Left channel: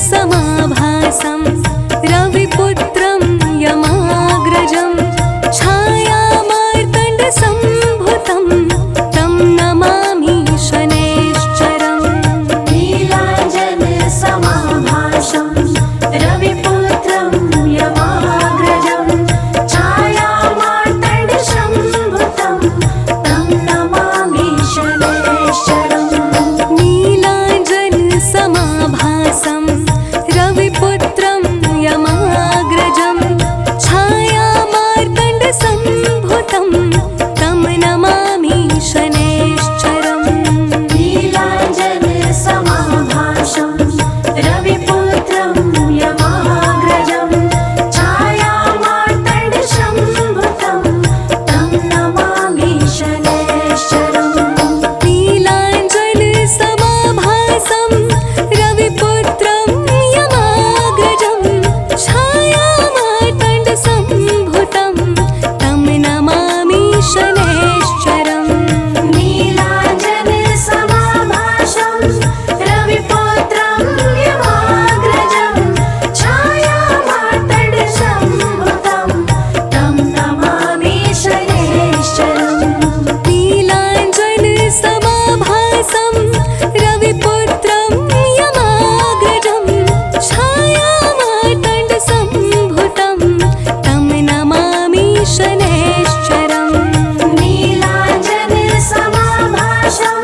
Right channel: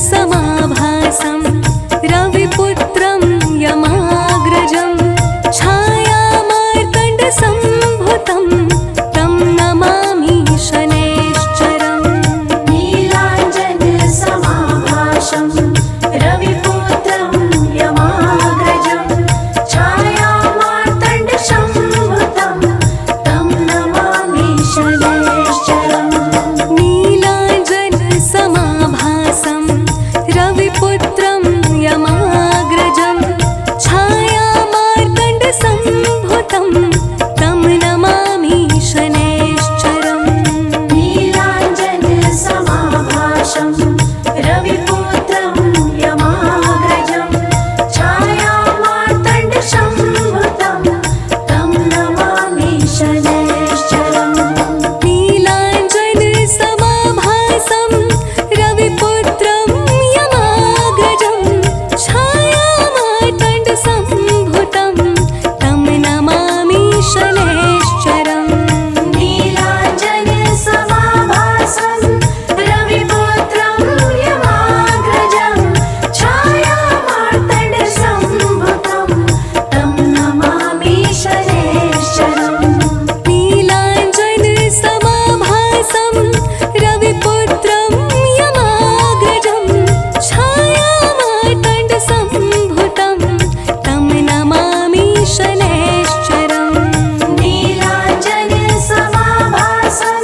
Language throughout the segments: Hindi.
समाभासं रविपुत्रं यमाग्रजं छायामार्तण्डसम्भुतं तं नमामि शनैश्चरम्। नीलाञ्जनसमाभासं रविपुत्रं यमाग्रजं छायामार्तण्डसम्भुतं तं नमामि शनैश्चरम्। नीलाञ्जनसमाभासं रविपुत्रं यमाग्रजं छायामार्तण्डसम्भुतं तं नमामि शनैश्चरम्। नीलाञ्जनसमाभासं रविपुत्रं यमाग्रजं छायामार्तण्डसम्भुतं तं नमामि शनैश्चरम्। नीलाञ्जनसमाभासं रविपुत्रं यमाग्रजं छायामार्तण्डसम्भुतं तं नमामि शनैश्चरम्। नीलाञ्जनसमाभासं रविपुत्रं यमाग्रजं छायामार्तण्डसम्भुतं तं नमामि शनैश्चरम्। नीलाञ्जनसमाभासं रविपुत्रं यमाग्रजं छायामार्तण्डसम्भुतं तं नमामि शनैश्चरम्। नीलाञ्जनसमाभासं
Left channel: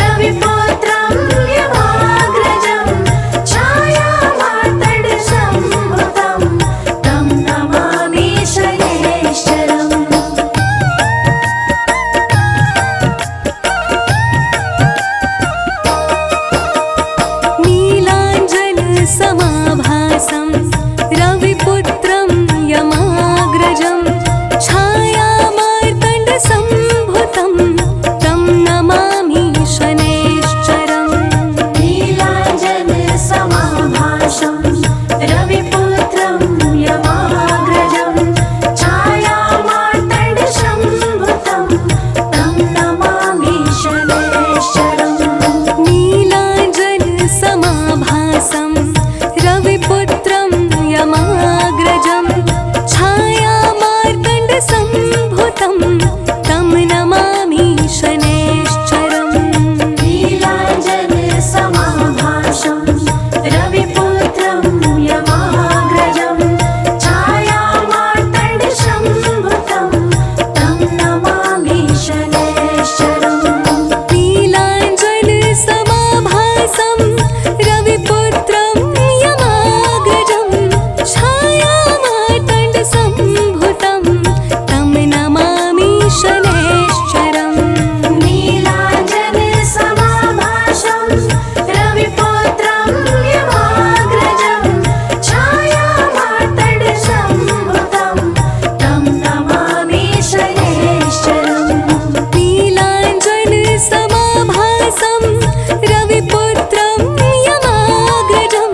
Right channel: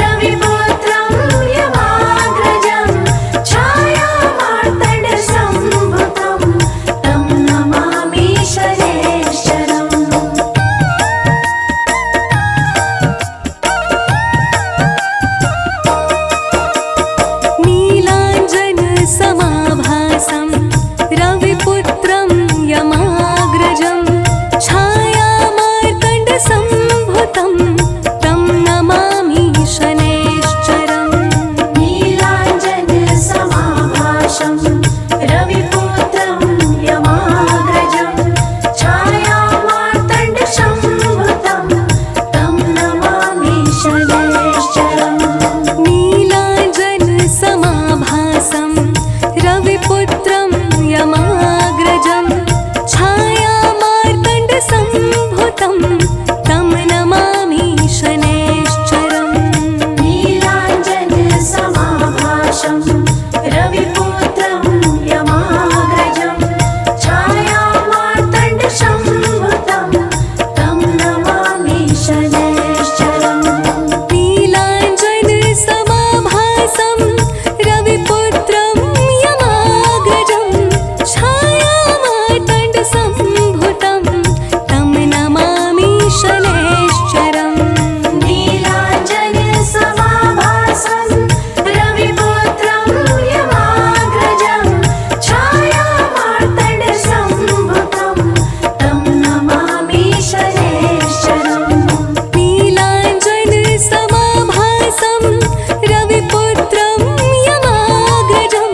रविपुत्रं यमाग्रजं छायामार्तण्डसम्भुतं तं नमामि शनैश्चरम्। नीलाञ्जनसमाभासं रविपुत्रं यमाग्रजं छायामार्तण्डसम्भुतं तं नमामि शनैश्चरम्। नीलाञ्जनसमाभासं रविपुत्रं यमाग्रजं छायामार्तण्डसम्भुतं तं नमामि शनैश्चरम्। नीलाञ्जनसमाभासं रविपुत्रं यमाग्रजं छायामार्तण्डसम्भुतं तं नमामि शनैश्चरम्। नीलाञ्जनसमाभासं रविपुत्रं यमाग्रजं छायामार्तण्डसम्भुतं तं नमामि शनैश्चरम्। नीलाञ्जनसमाभासं रविपुत्रं यमाग्रजं छायामार्तण्डसम्भुतं तं नमामि शनैश्चरम्। नीलाञ्जनसमाभासं रविपुत्रं यमाग्रजं छायामार्तण्डसम्भुतं तं नमामि शनैश्चरम्। नीलाञ्जनसमाभासं रविपुत्रं यमाग्रजं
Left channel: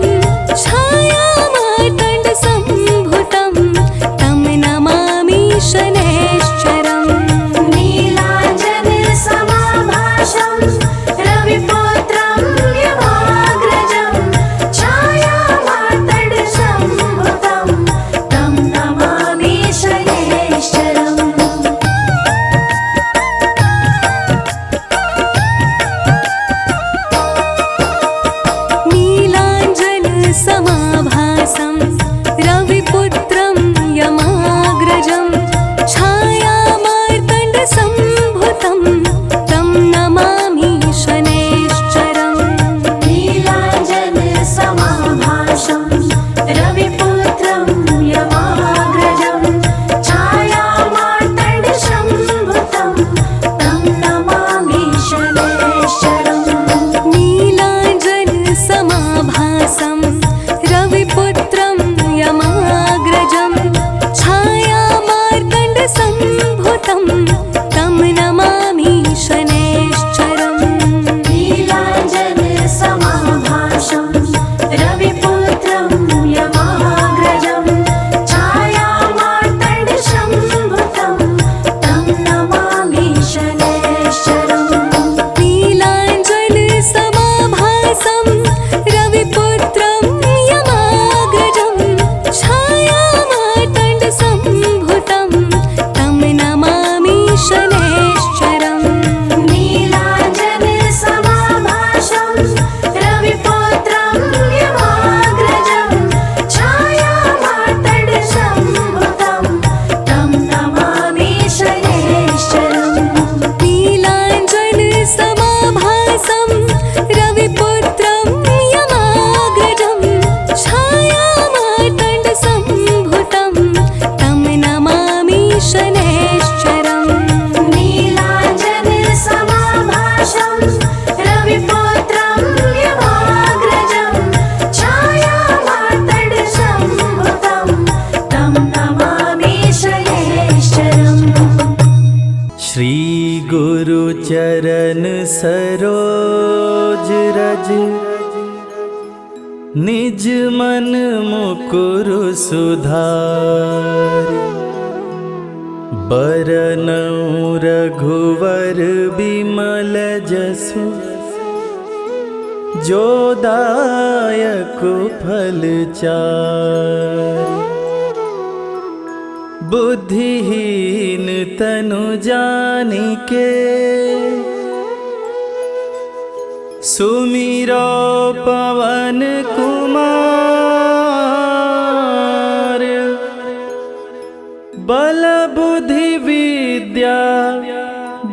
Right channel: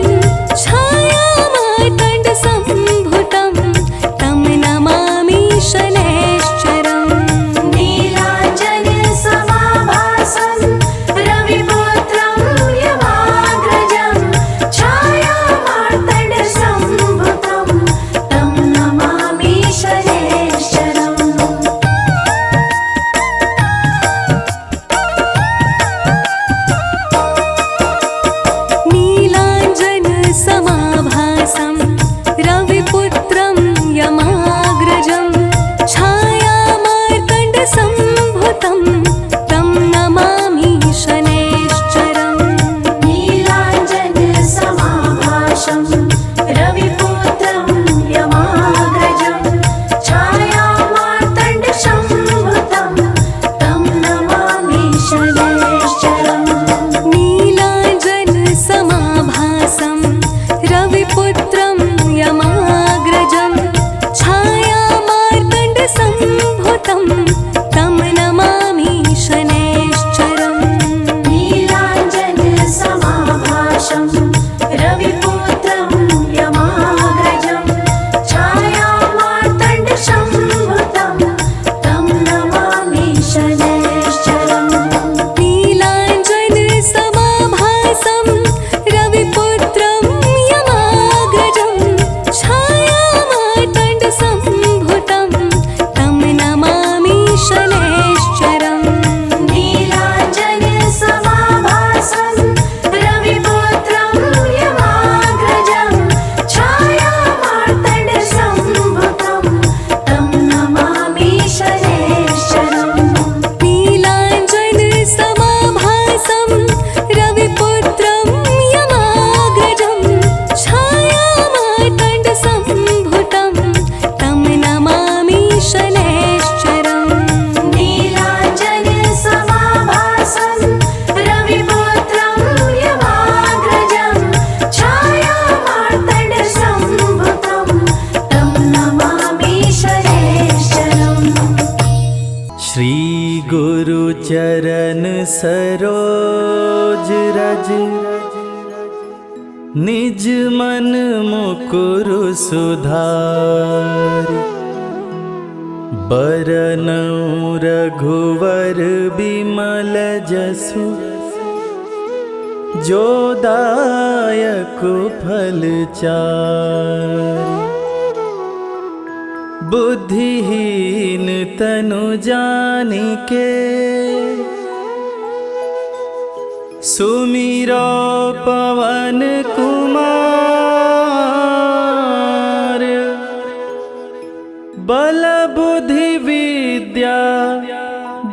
छायामार्तण्डसम्भुतं तं नमामि शनैश्चरम्। नीलाञ्जनसमाभासं रविपुत्रं यमाग्रजं छायामार्तण्डसम्भुतं तं नमामि शनैश्चरम्। नीलाञ्जनसमाभासं रविपुत्रं यमाग्रजं छायामार्तण्डसम्भुतं तं नमामि शनैश्चरम्। नीलाञ्जनसमाभासं रविपुत्रं यमाग्रजं छायामार्तण्डसम्भुतं तं नमामि शनैश्चरम्। नीलाञ्जनसमाभासं रविपुत्रं चरण सरोज रज, निज मन मुकुर सुधारि। बरनउँ रघुवर बिमल जसु, जो दायक फल चारि। बुद्धिहीन तनु जानिके, सुमिरो पवन कुमार। बल बुद्धि विद्या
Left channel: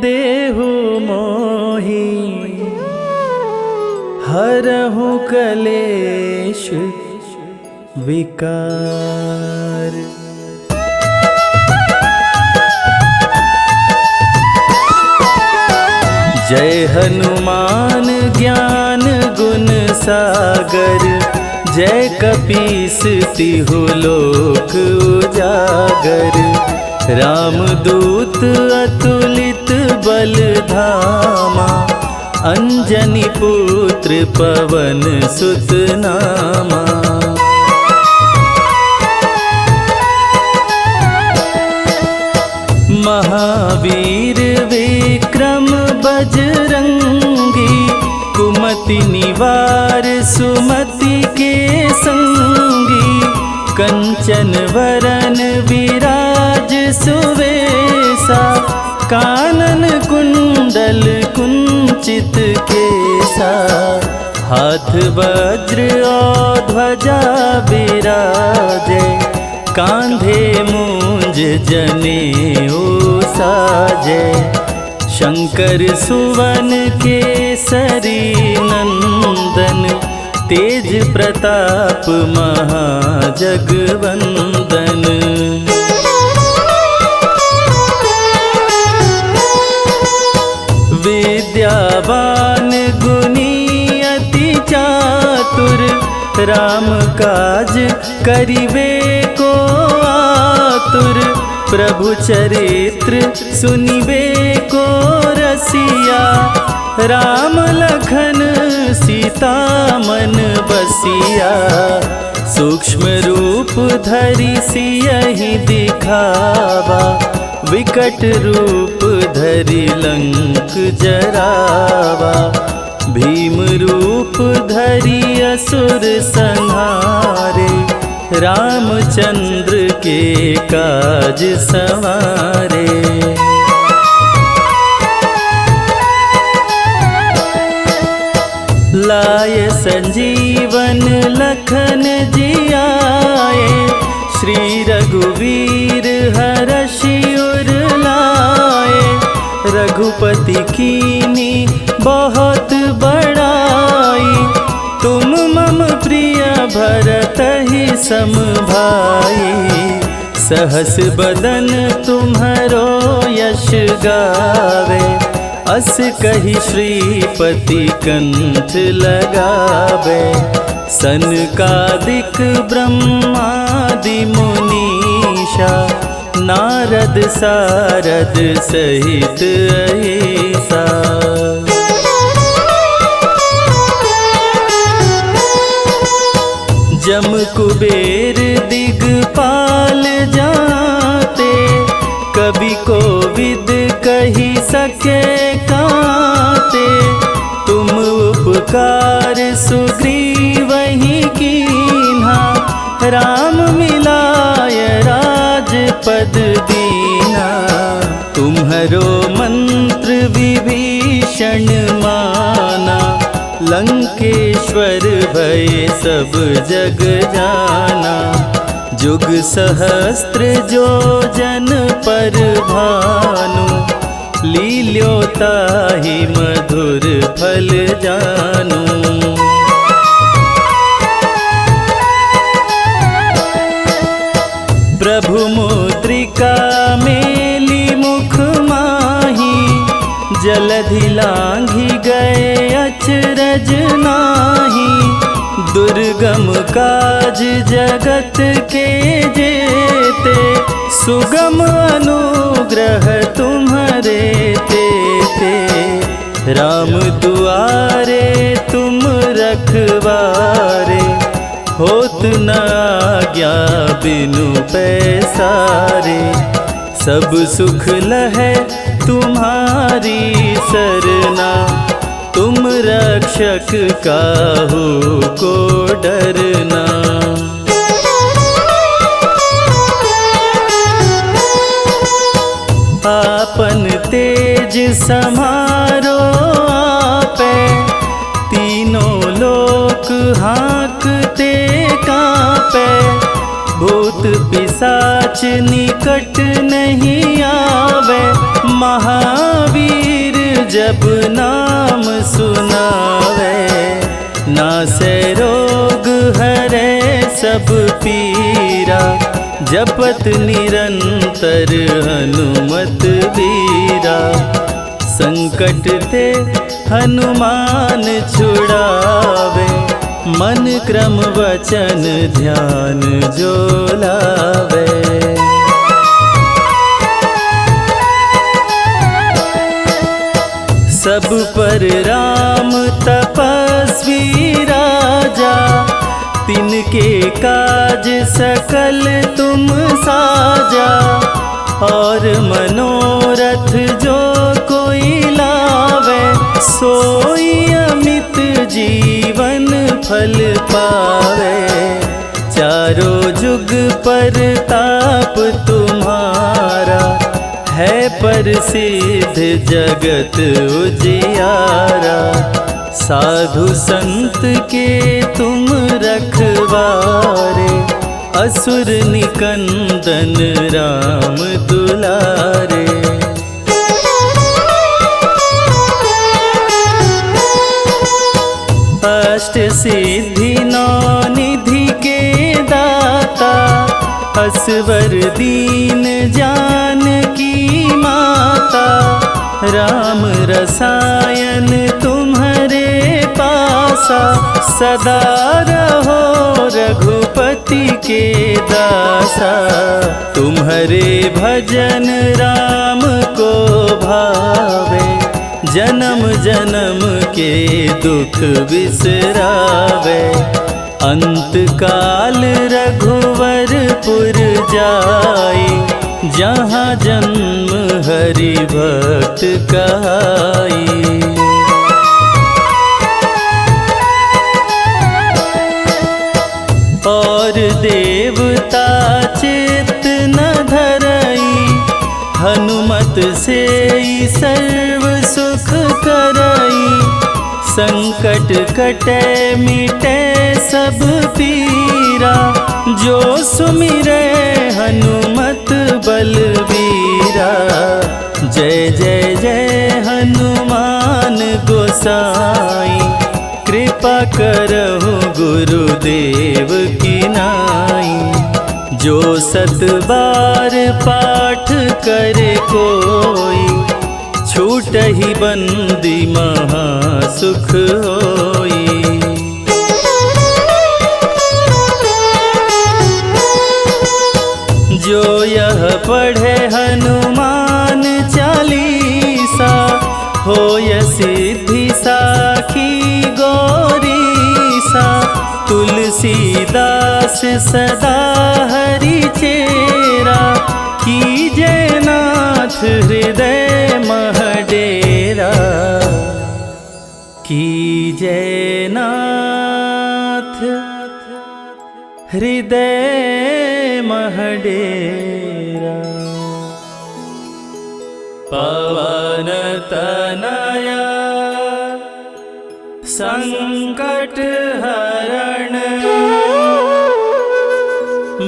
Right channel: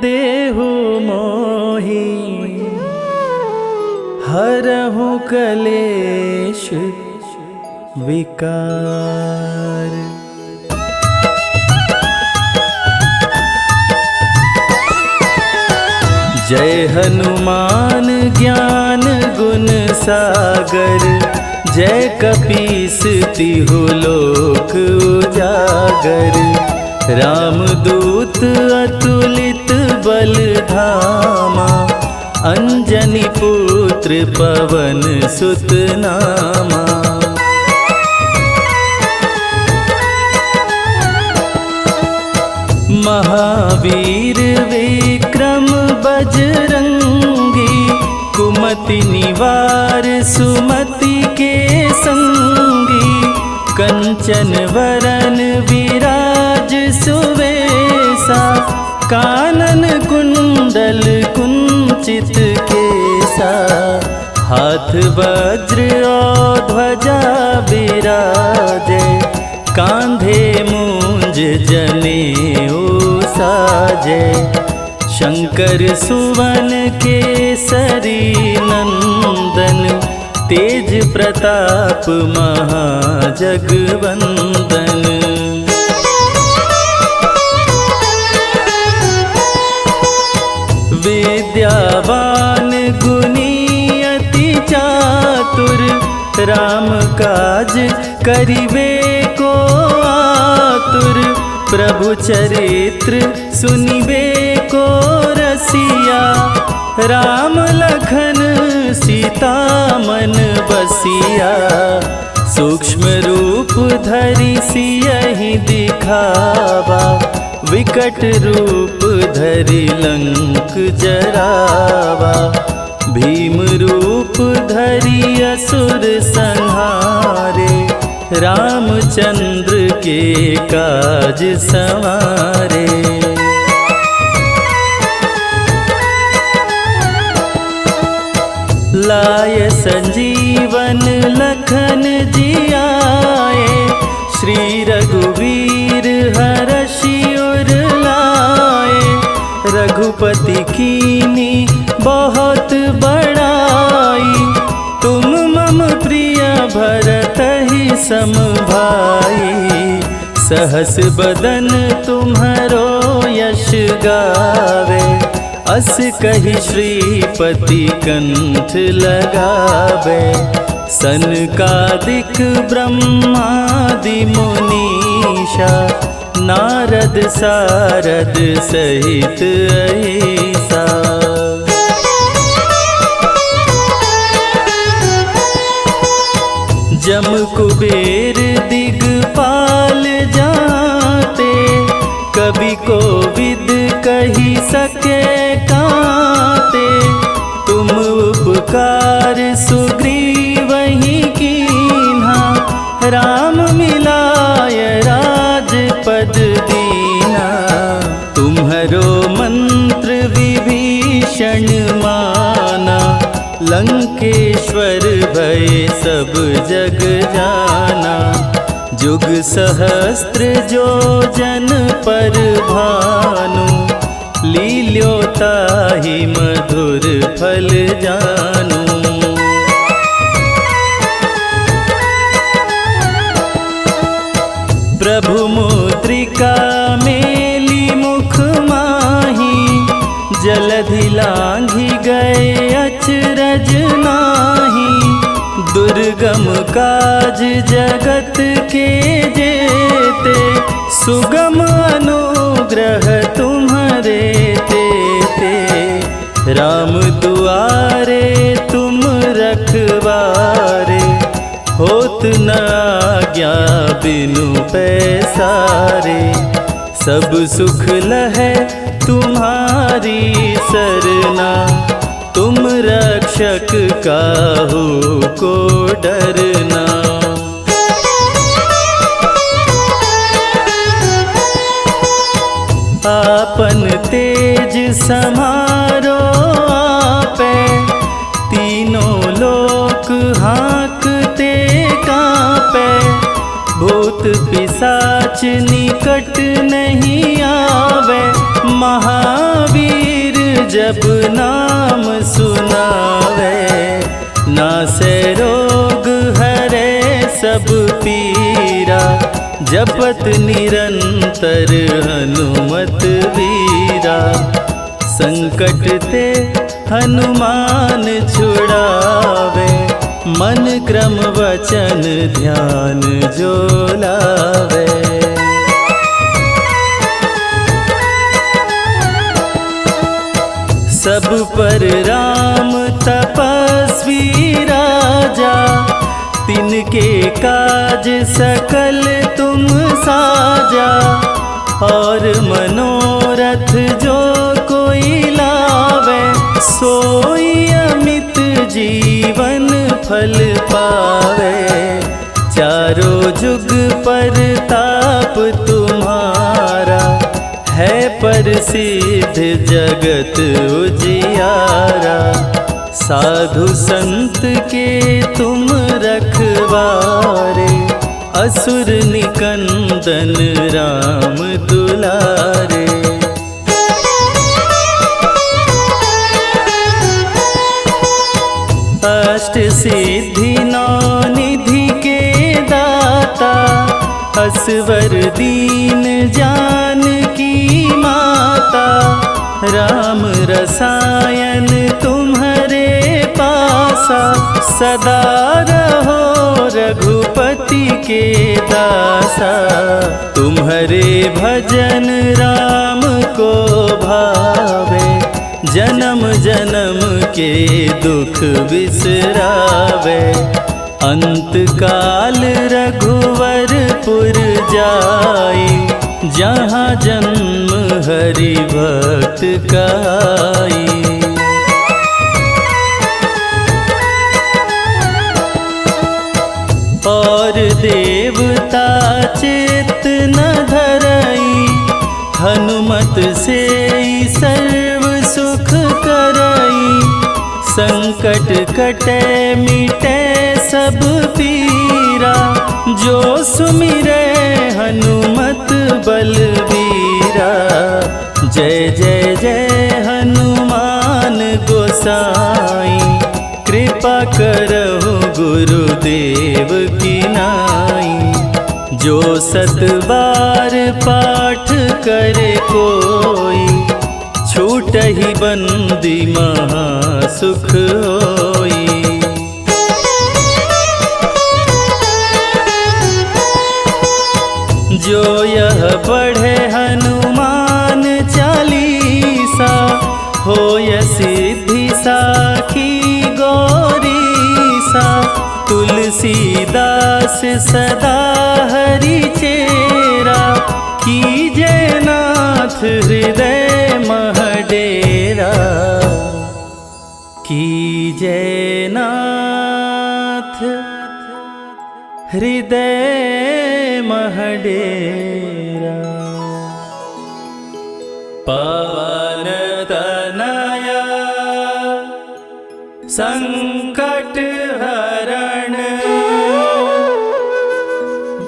देहु मोहि, हरहु कलेश विकार। जय हनुमान ज्ञान गुण सागर, जय कपीस तिहु लोक उजागर। रामदूत अतुलित बल धामा, अंजनी पुत्र पवन सुत नामा। महावीर विक्रम बजरंगी, कुमति निवार सुमति के संगी। कंचन वरन विराज सुवेसा, कानन कुंडल कुंचित केसा। हाथ वज्र और ध्वजा बिराजे, कांधे मूंज जनेऊ साजे। शंकर सुवन केसरी नंदन, तेज प्रताप महाजगवंदन। विद्यावान गुणी अति चातुर, राम काज करिवे को आतुर। प्रभु चरित्र सुनिबे को रसिया, राम लखन सीता मन बसिया। सूक्ष्म रूप धरि सियहि दिखावा, विकट रूप धरि लंक जरावा। भीम रूप धरि असुर संहारे, रामचंद्र के काज संवारे। लाय संजीवन लखन जियाए, श्री रघुवीर हरषि उर लाए। रघुपति कीनी बहुत बड़ाई, तुम मम प्रिय भरतहि सम भाई। सहस बदन तुम्हरो यश गावे, अस कहि श्रीपति कंठ लगावे। सनकादिक ब्रह्मादि मुनीषा, नारद सारद सहित अहिसा। जम कुबेर दिगपाल जाते, कवि कोविद कही सके काते। तुम उपकार सुग्रीवहि कीन्हा, राम मिलाय राजपद दीना। तुम्हरो मंत्र विभीषण माना, लंकेश्वर भय सब जग जाना। जुग सहस्त्र जो जन पर भानु, लील्योताहि मधुर फल जानू। प्रभु मुद्रिका मेली मुख माही, जलधि लांघि गए अचरज नाही। दुर्गम काज जगत के जेते, सुगम अनुग्रह तुम्हारे तेते। राम दुआरे तुम रखवारे, होत न आज्ञा बिनु पैसारे। सब सुख लहै तुम्हारी सरना, तुम रक्षक काहू को डरना। आपन तेज समारो आपे, तीनों लोक हाँकते कांपे। भूत पिशाच निकट नहीं आवे, महावीर जब नाम सुनावे। नासे रोग हरे सब पीरा, जपत निरंतर हनुमत वीरा। संकट ते हनुमान छुड़ावे, मन क्रम वचन ध्यान जो लावे। सब पर राम तपस्वी राजा, तिनके काज सकल तुम साजा। और मनोरथ जो कोई लावे, सोई अमित जीवन फल पावे। चारों जुग पर ताप तुम्हारा, है प्रसिद्ध जगत उजियारा। साधु संत के तुम रखवारे, असुर निकंदन राम दुलारे। अष्ट सिद्धि नौ निधि के दाता, असवर दीन जानकी माता। राम रसायन तुम्हारे पासा, सदा रहो रघुपति के दासा। तुम्हारे भजन राम को भावे, जन्म जन्म के दुख बिसरावे। अंत काल रघुवरपुर जाई, जहाँ जन्म हरि भक्त कहाई। और देवता चित्त न धरई, हनुमत से सर्व सुख करई। संकट कटे मिटे सब पीरा, जो सुमिरे हनुमत बलबीरा। जय जय जय हनुमान गोसाई, कृपा करहु गुरुदेव की नाई। जो सत बार पाठ करे कोई, छूटहि बंदी महा सुख होई। जो यह पढ़े हनुमान चालीसा, होय सिद्धि साखी गौरीसा। तुलसीदास सदा हरि चेरा, कीजय नाथ हृदय मह डेरा। कीजय नाथ हृदय मह डेरा। पवन तनया संकट हरण,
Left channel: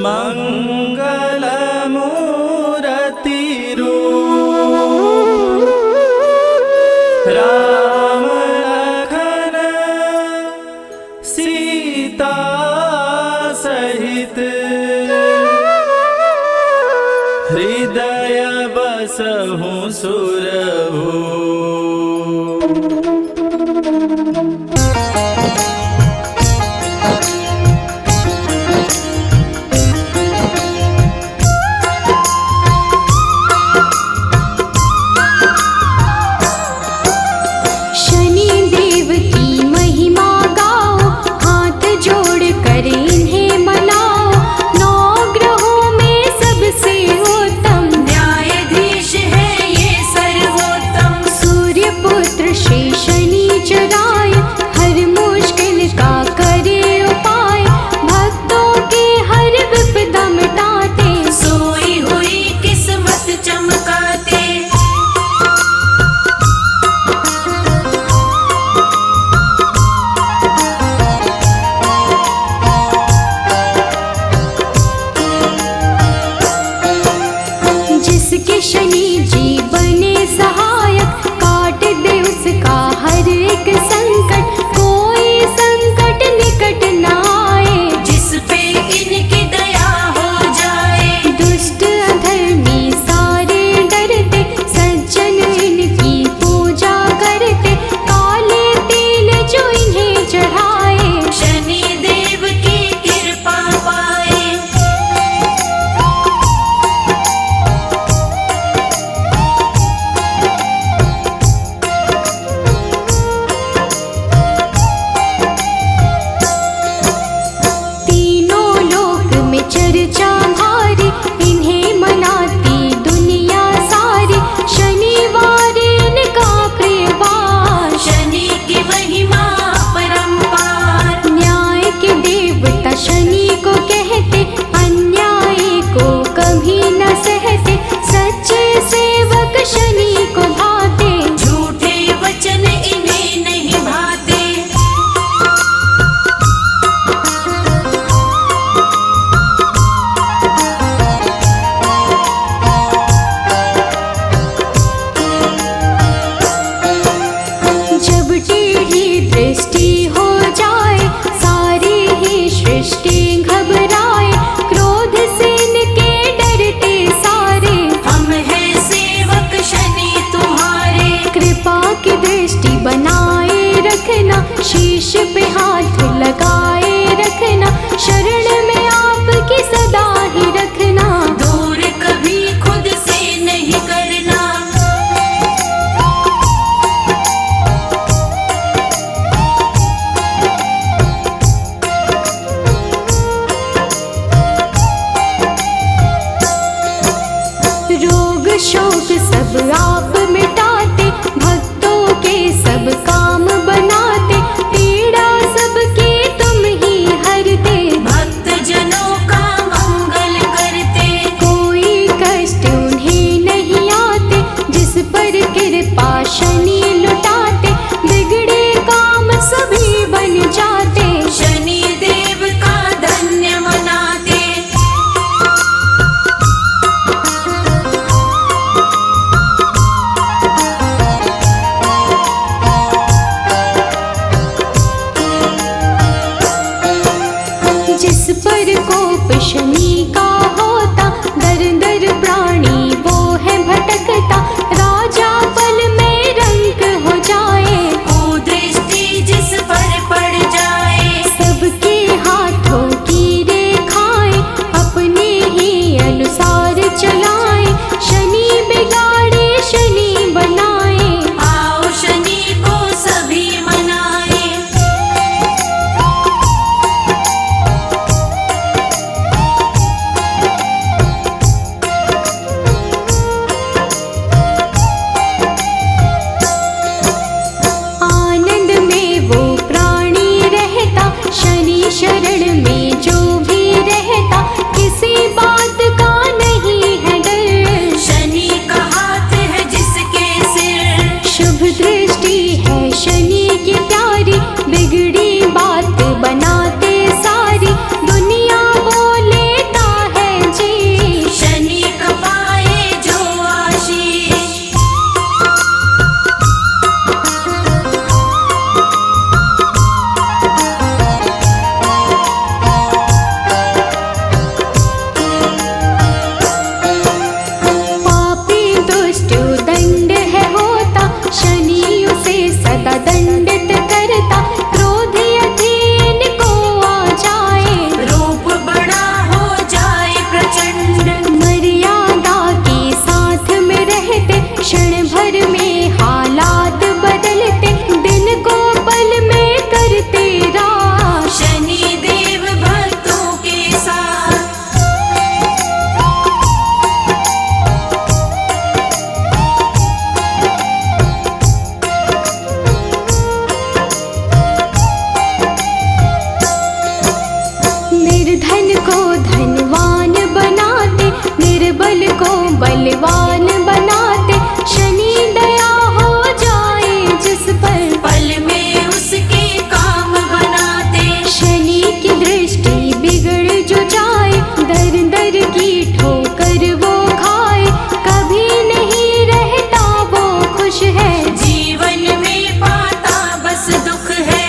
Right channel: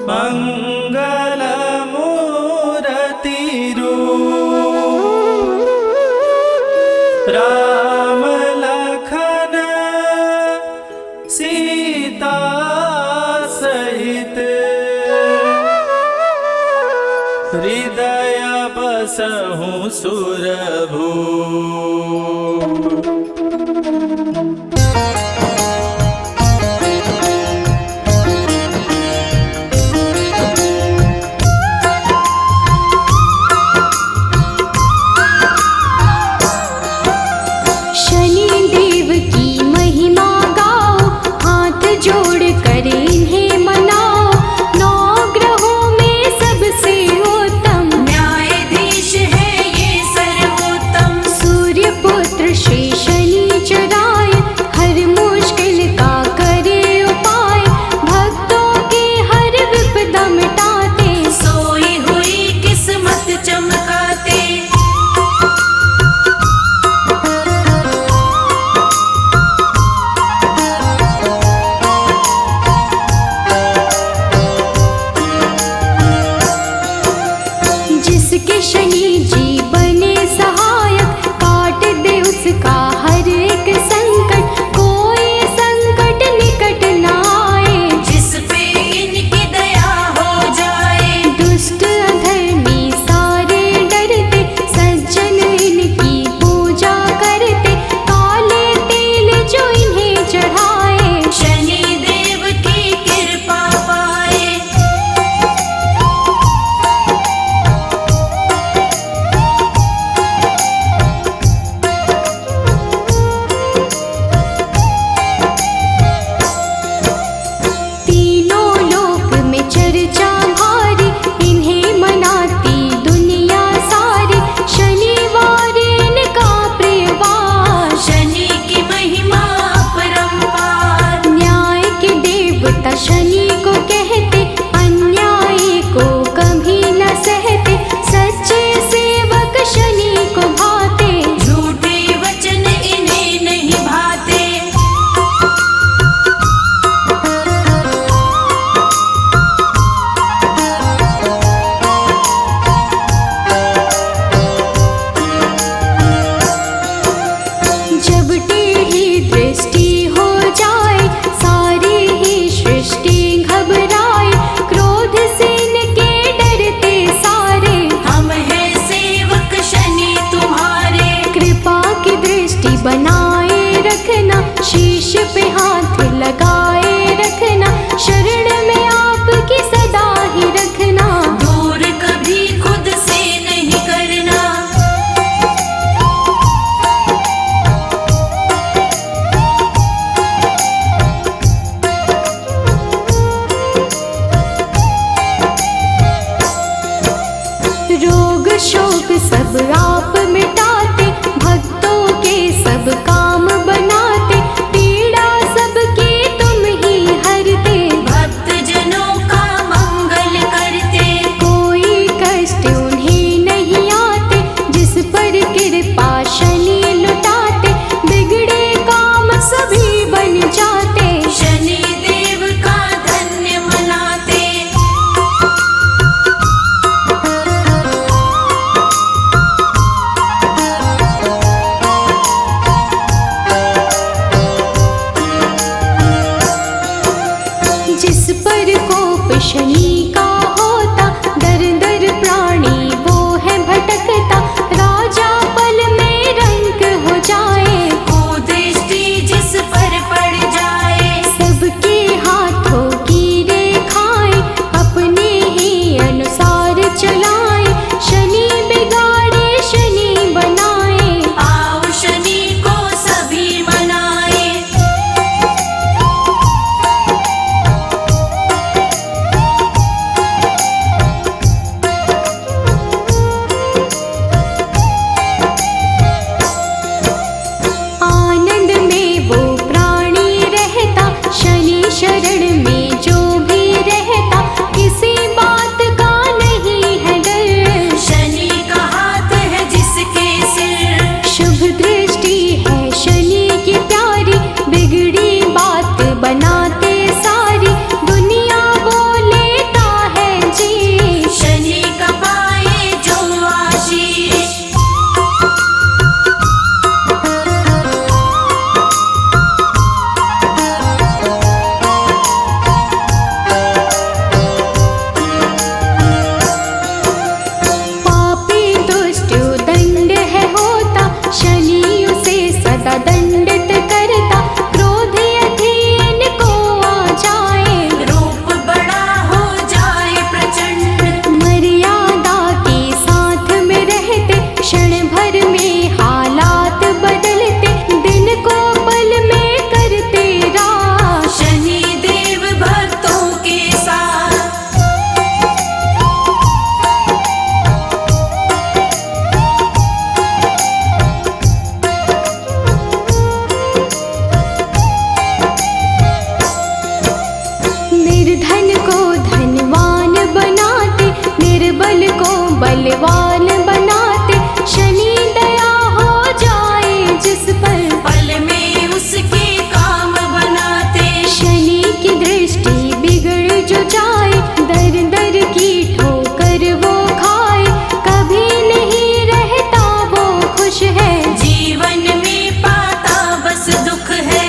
मंगल मूरति रूप। राम लखन सीता सहित, हृदय बसहु सुर। जोड़ कर इन्हें मनाओ, नौ ग्रहों में सबसे उत्तम न्यायाधीश है ये सर्वोत्तम। सूर्य पुत्र श्री शनिचराय, हर मुश्किल का करे उपाय, भक्तों की हर विपदा मिटाते, सोई हुई किस्मत चमकाते। जिसके शनि जी बने सहायक, काट दे उसका हर एक संकट, कोई संकट निकट न आए, जिस पे इनकी दया हो जाए। दुष्ट अधर्मी सारे डरते, सज्जन इनकी पूजा करते, काले तेल जो इन्हें चढ़ाए, शनि देव की कृपा पाए। तीनों लोक में चर्चा भारी, इन्हें मनाती दुनिया सारी, शनिवार इनका प्रियवार, शनि की महिमा अपरंपार। न्याय के देवता शनि को कहते, अन्याय को कभी न सहते, सच्चे सेवक शनि को भाते, झूठे वचन इन्हें नहीं भाते। जब टेढ़ी दृष्टि हो जाए, सारी ही सृष्टि घबराए, क्रोध से इनके डरते सारे, हम हैं सेवक शनि तुम्हारे। कृपा की दृष्टि बनाए रखना, शीश पे हाथ लगाए रखना, शरण में आपकी सदा ही रखना, दूर कभी खुद से नहीं करना। रोग शोक सब आप मिटाते, भक्तों के सब काम बनाते, पीड़ा सबकी तुम ही हरते, भक्त जनों का मंगल करते। कोई कष्ट उन्हें नहीं आते, जिस पर कृपा शनि लुटाते, बिगड़े काम सभी बन जाते, शनि देव का धन्य मनाते। जिस पर कोप शनि का होता, दर दर प्राणी वो है भटकता, राजा पल में रंक हो जाए, कुदृष्टि जिस पर पड़ जाए। सबके हाथों की रेखाएं अपने ही अनुसार चलाए, शनि बिगाड़े शनि बनाए, आओ शनि को सभी मनाए। आनंद में वो प्राणी रहता, शनि शरण में जो भी रहता, किसी बात का नहीं है डर, शनि का हाथ है जिसके सिर। शुभ दृष्टि है शनि की प्यारी, बिगड़ी बात बनाते सारी, दुनिया वो लेता है जी, शनि का पाए जो आशीष। निर्धन को धनवान बनाते, निर्बल को बलवान बनाते। शनि दया हो जाए जिस पर, पल में उसके काम बनाते। शनि की दृष्टि बिगड़ जो जाए, दर दर की ठोकर वो खाए। कभी नहीं रहता वो खुश है, जीवन में पाता बस दुख है।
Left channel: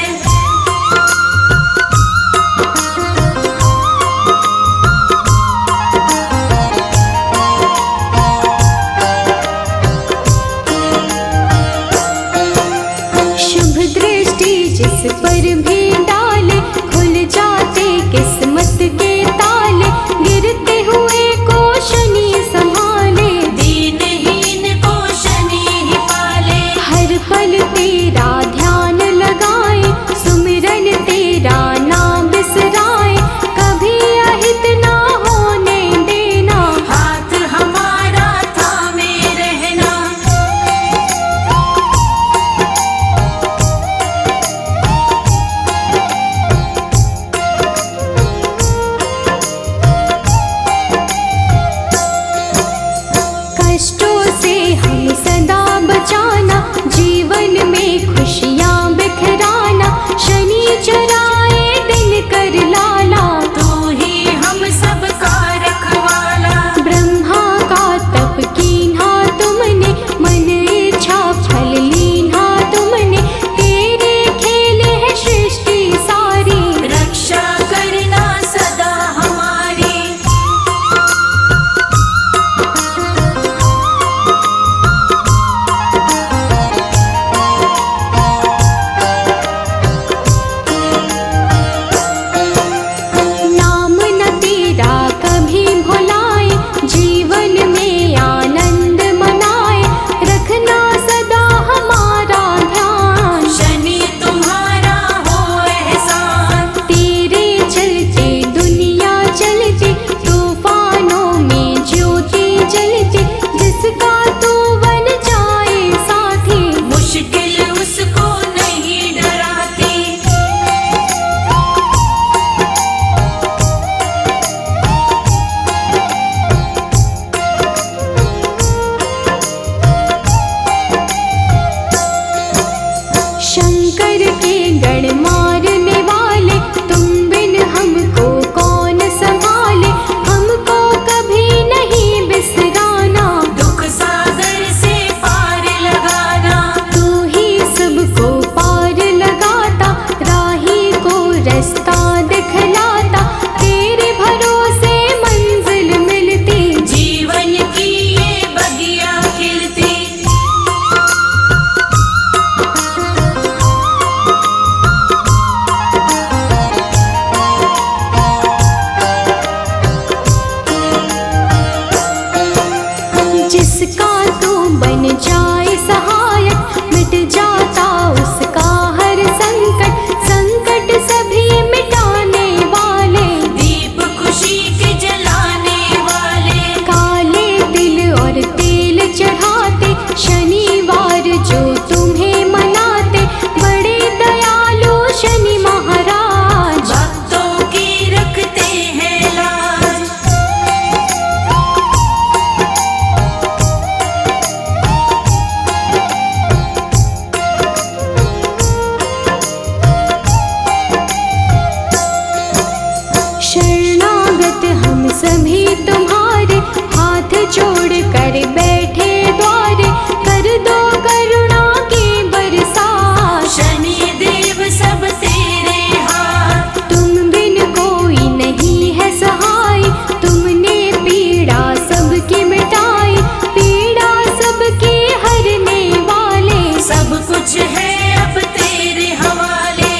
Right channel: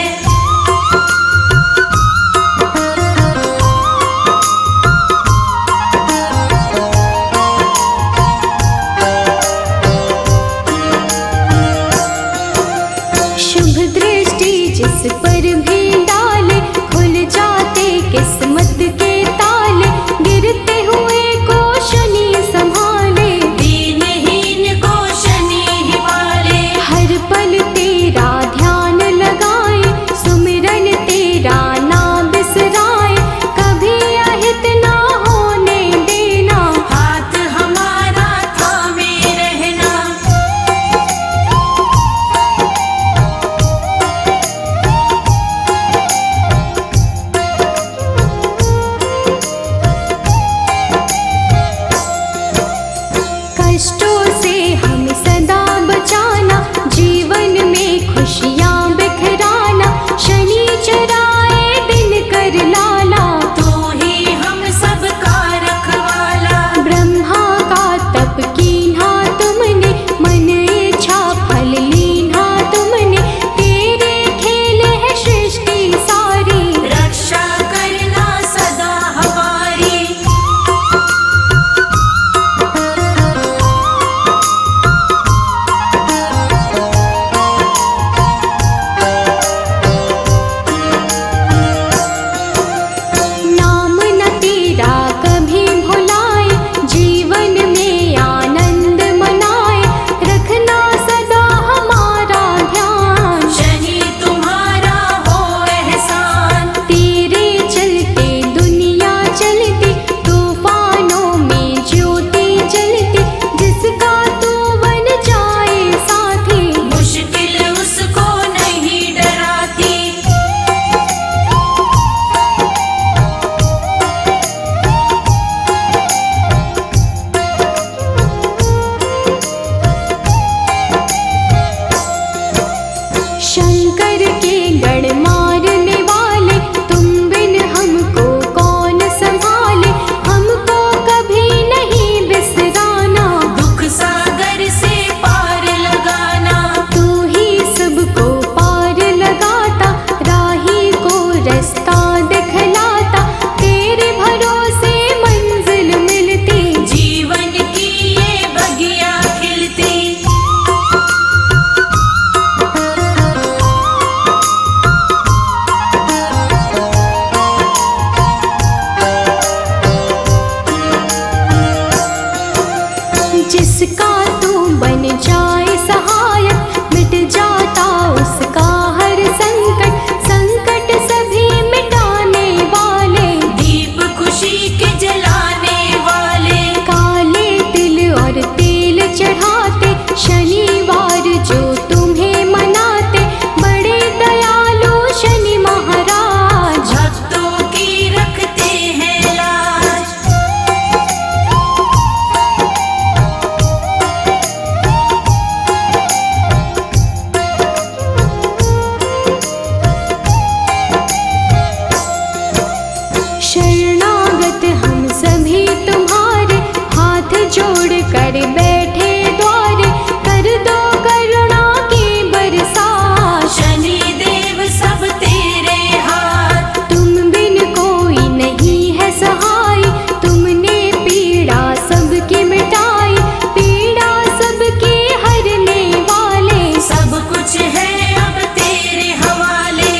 शुभ दृष्टि जिस पर भी डाले, खुल जाते किस्मत के ताले। गिरते हुए को शनि संभाले, दीनहीन को शनि ही पाले। हर पल तेरा ध्यान लगाए, सुमिरन तेरा ना बिसराए। कभी अहित ना होने देना, हाथ हमारा थामे रहना। कष्टों से हम सदा बचाना, जीवन में खुशियाँ बिखराना। शनि चराए दिन कर लाला, तू ही हम सब का रखवाला। ब्रह्मा का तप कीन्हा तुमने, मन इच्छा फल लीन्हा तुमने। तेरे खेल है सृष्टि सारी, रक्षा करना सदा हमारी। नाम न तेरा कभी भुलाए, जीवन में आनंद मनाए। रखना सदा हमारा ध्यान, शनि तुम्हारा हो एहसान। तेरे चलते दुनिया चलती, तूफानों में ज्योति जलती। जिसका तू बन जाए साथी, मुश्किल उसको नहीं डराती। शंकर के गण मारने वाले, तुम बिन हमको कौन संभाले। हमको कभी नहीं बिसराना, दुख सागर से पार लगाना। तू ही सबको पार लगाता, राही को रास्ता दिखलाता। तेरे भरोसे मंजिल मिलती, जीवन की ये बगिया खिलती। जिसका तू बन जाए सहायक, मिट जाता उसका हर संकट। संकट सभी मिटाने वाले, दीप खुशी के जलाने वाले। काले तिल और तेल चढ़ाते, शनिवार जो तुम्हें मनाते। बड़े दयालु शनि महाराज, भक्तों की रखते हैं लाज। शरणागत हम सभी तुम्हारे, हाथ जोड़ कर बैठे द्वारे। कर दो करुणा की बरसात, शनि देव सब तेरे हाथ। तुम बिन कोई नहीं है सहाय। तुमने पीड़ा सबकी मिटाई, पीड़ा सबकी हरने वाले। सब कुछ है अब तेरे हवाले।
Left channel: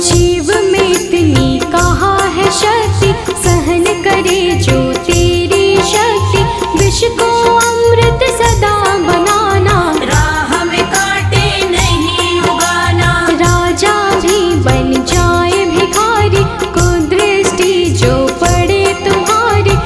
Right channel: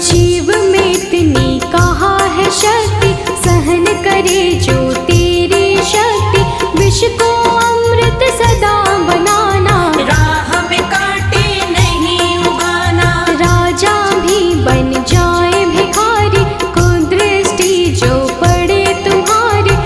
जीव में इतनी कहाँ है शक्ति, सहन करे जो तेरी शक्ति। विष को अमृत सदा बनाना, राह में कांटे नहीं उगाना। राजा भी बन जाए भिखारी। को दृष्टि जो पड़े तुम्हारे,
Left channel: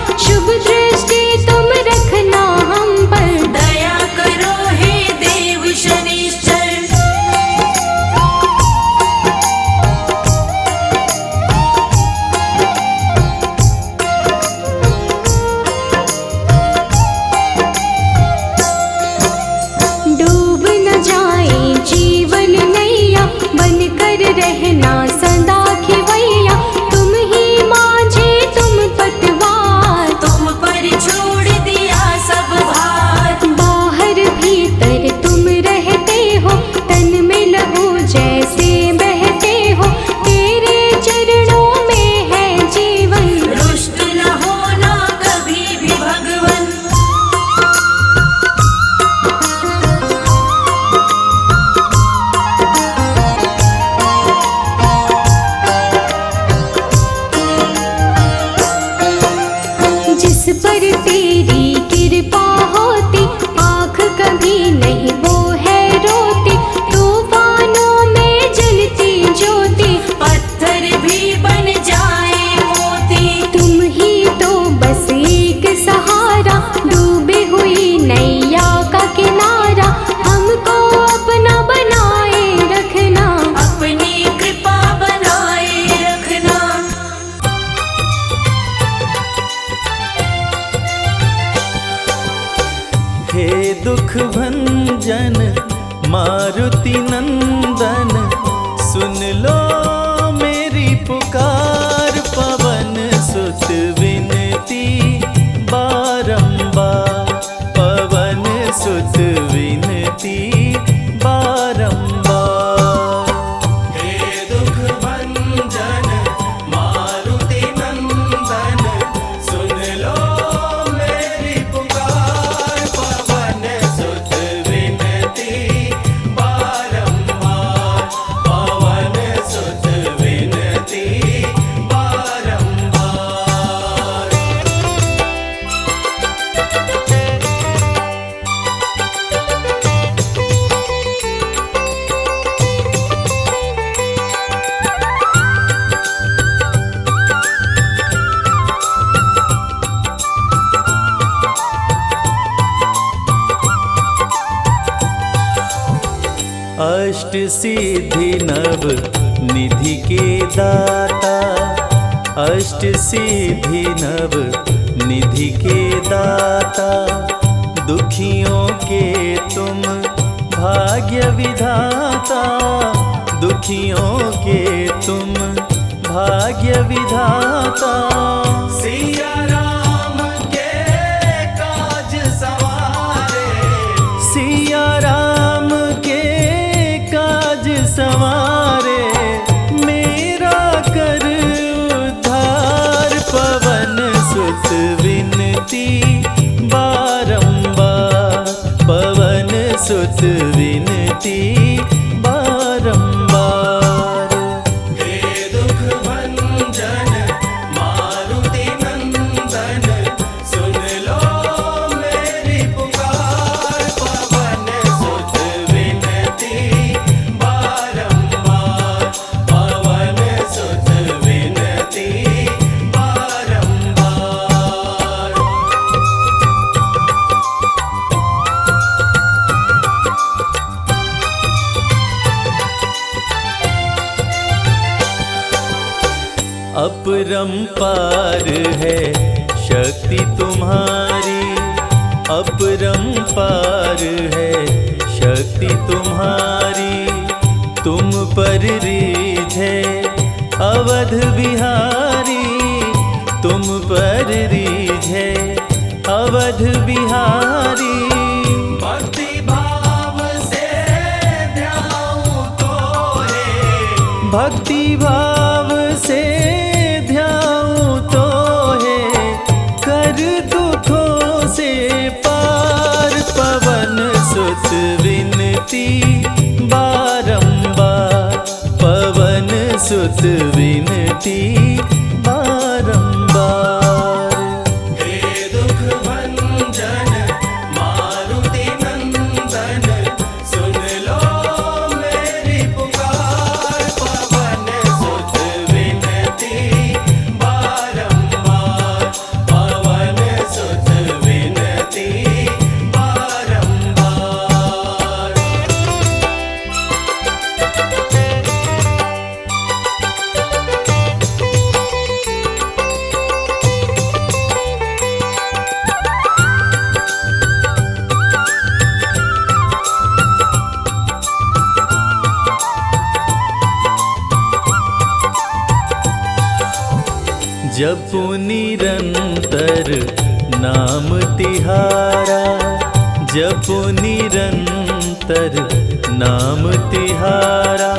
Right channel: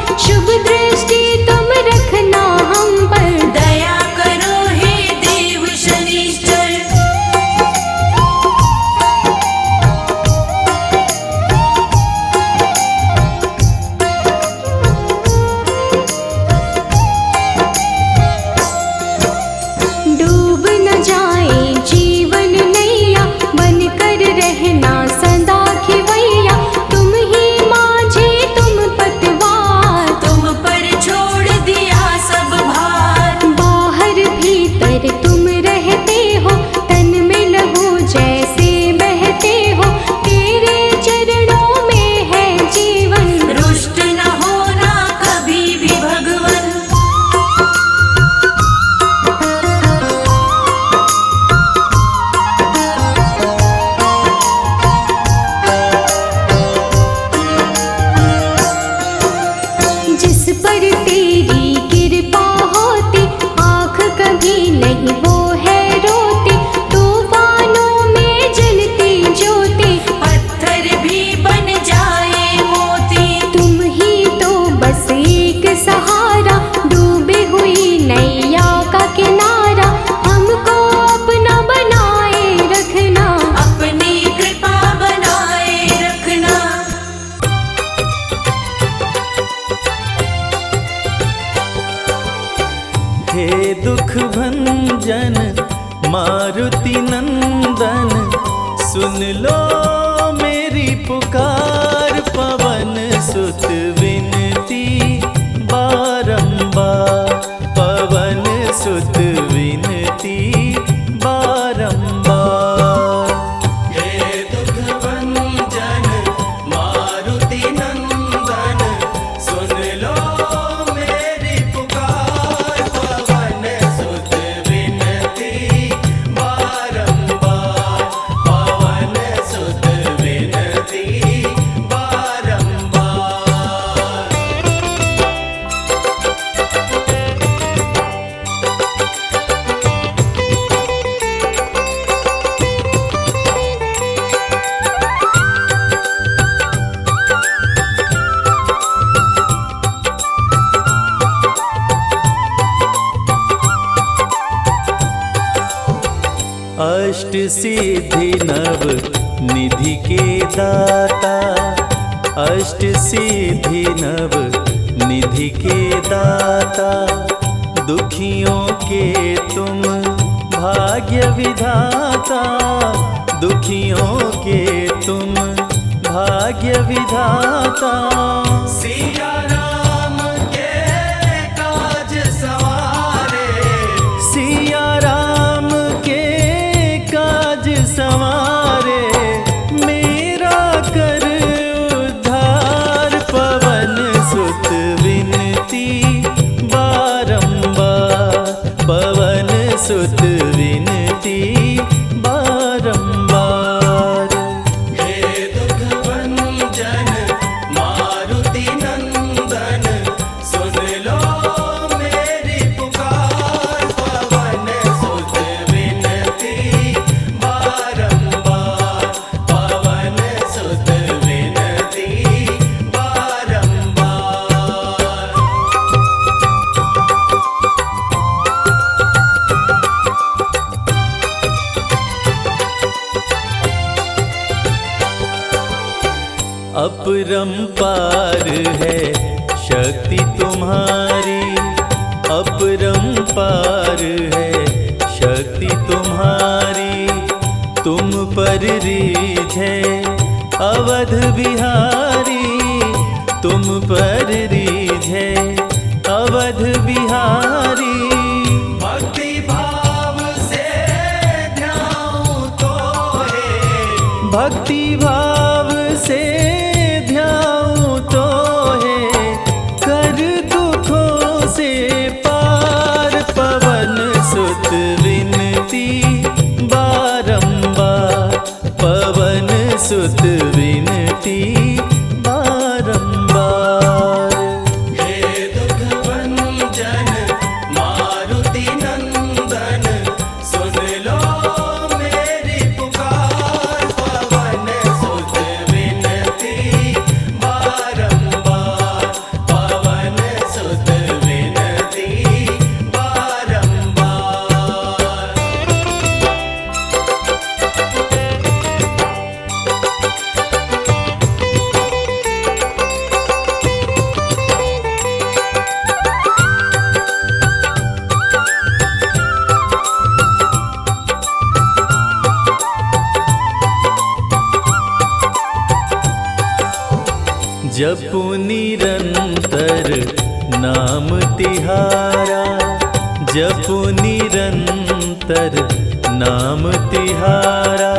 जिस पर तेरी कृपा होती, आँख कभी नहीं वो है रोती। तूफानों में जलती ज्योति, पत्थर भी बन जाए मोती। तुम ही तो बस एक सहारा, डूबी हुई नैया का किनारा। हमको अपना बनाए रखना, अपनी कृपा बनाए रखना। हे दुख भंजन मारुति नंदन, सुन लो मेरी पुकार। पवन सुत विनती बारंबार, पवन सुत विनती बारंबार। हे दुख भंजन मारुति नंदन, सुन लो मेरी पुकार। पवन सुत विनती बारंबार, पवन सुत विनती बारंबार। अष्ट सिद्धि नव निधि के दाता, अष्ट सिद्धि नव निधि के दाता। दुखियों के तुम भाग्य विधाता, दुखियों के तुम भाग्य विधाता। सिया राम के काज सवारे, सिया राम के काज सवारे। मेरा कर उद्धार, पवन सुत विनती बारंबार, पवन सुत विनती बारंबार। हे दुख भंजन मारुति नंदन, सुन लो मेरी पुकार। पवन सुत विनती बारंबार, पवन सुत विनती बारंबार। अपरंपार है शक्ति तुम्हारी, अपरंपार है शक्ति तुम्हारी। तुम पर रीझे अवध बिहारी, तुम पर रीझे अवध बिहारी। भक्ति भाव से ध्याऊं तोहे, भक्ति भाव से ध्याऊं तोहे। कर दुखों से पार, पवन सुत विनती बारंबार, पवन सुत विनती बारंबार। हे दुख भंजन मारुति नंदन, सुन लो मेरी पुकार। पवन सुत विनती बारंबार, पवन सुत विनती बारंबार। जपु निरंतर नाम तिहारा, जपु निरंतर नाम तिहारा।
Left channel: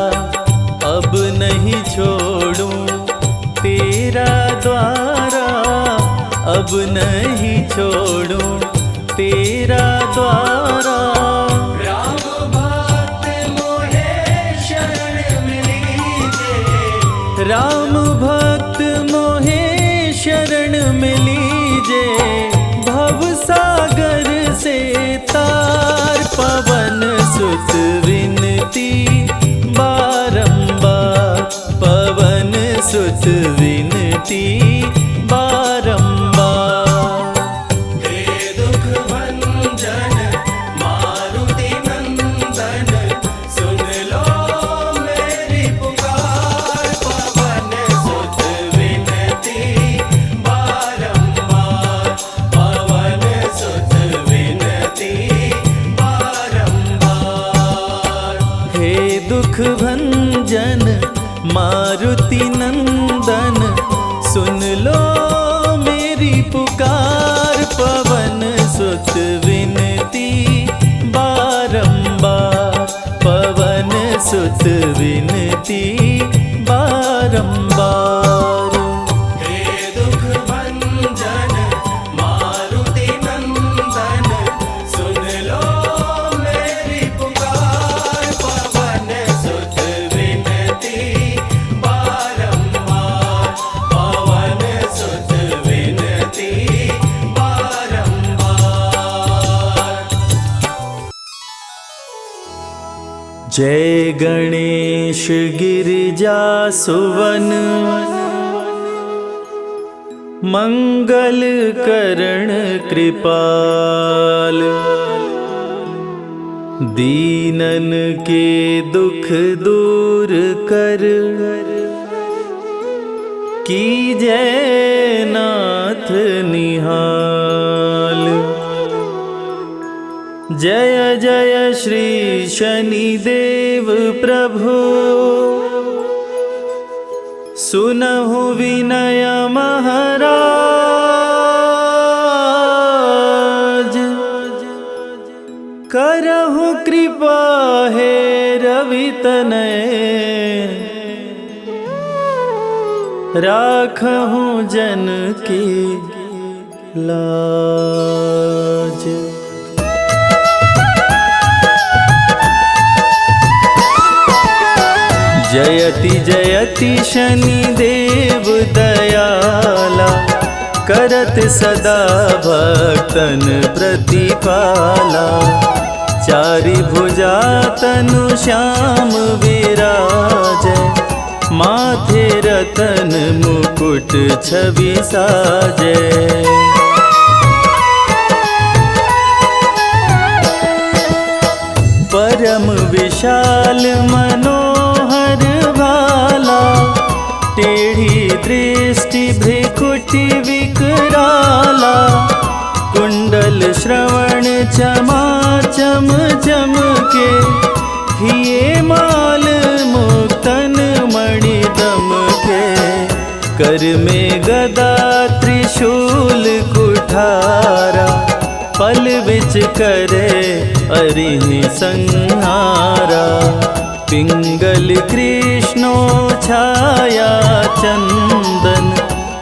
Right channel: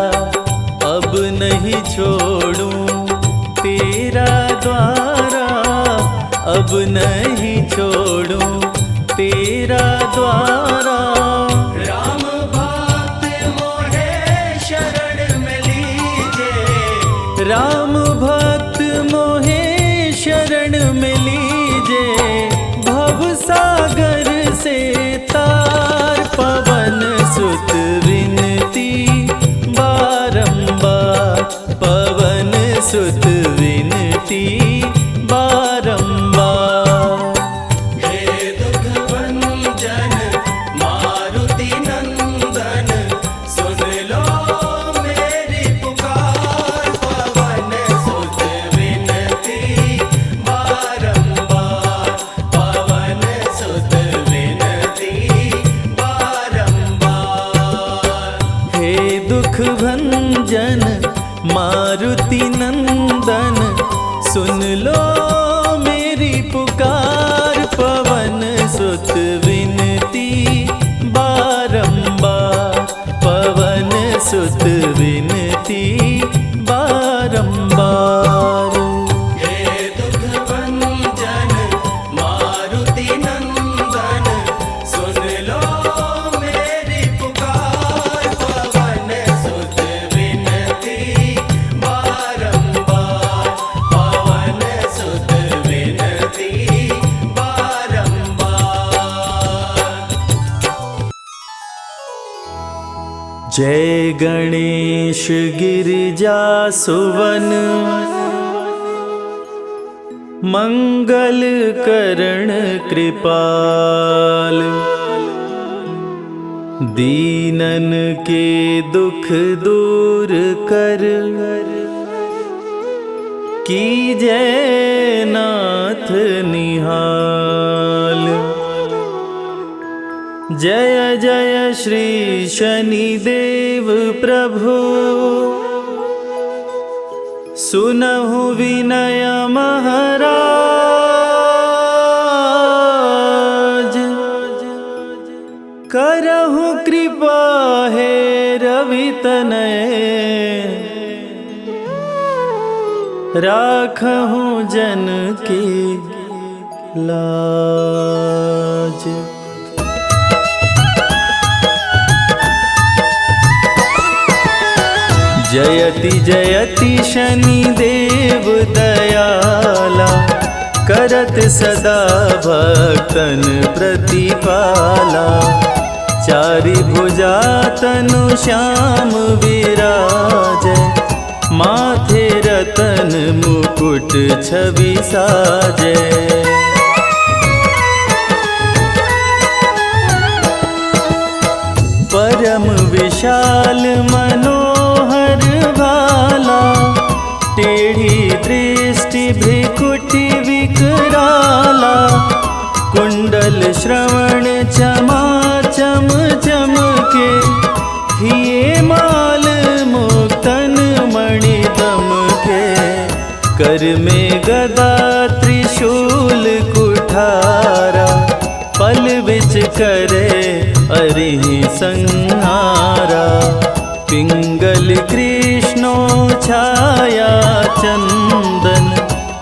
अब नहीं छोड़ूं तेरा द्वारा, अब नहीं छोड़ूं तेरा द्वारा। राम भक्त मोहे शरण में लीजे, राम भक्त मोहे शरण में लीजे। कीजे भवसागर से तार। पवन सुत विनती बारंबार, पवन सुत विनती बारंबार। हे दुख भंजन मारुति नंदन, सुन लो मेरी पुकार। पवन सुत विनती बारंबार, पवन सुत विनती बारंबार। जय गणेश गिरिजा सुवन, मंगल करण कृपाल। दीनन के दुख दूर कर, कीजय नाथ निहाल। जय जय श्री शनिदेव प्रभु, सुनहु विनय महाराज। करहु कृपा हे रवि तनय, राखहु जन की लाज। जयति जयति शनिदेव दयाला, करत सदा भक्तन प्रतिपाला। चारि भुजा तनु श्याम विराजै, माथे रतन मुकुट छवि साजै। परम विशाल मनोहर भाला, टेढ़ी दृष्टि भ्रिकुटि विकराला। कुंडल श्रवण चमाचम चमके, हिये माल मुक्तन मणि दमके। कर में गदा त्रिशूल कुठारा, पल बिच करे अरिहि संहारा। पिंगल कृष्णो छाया चंदन,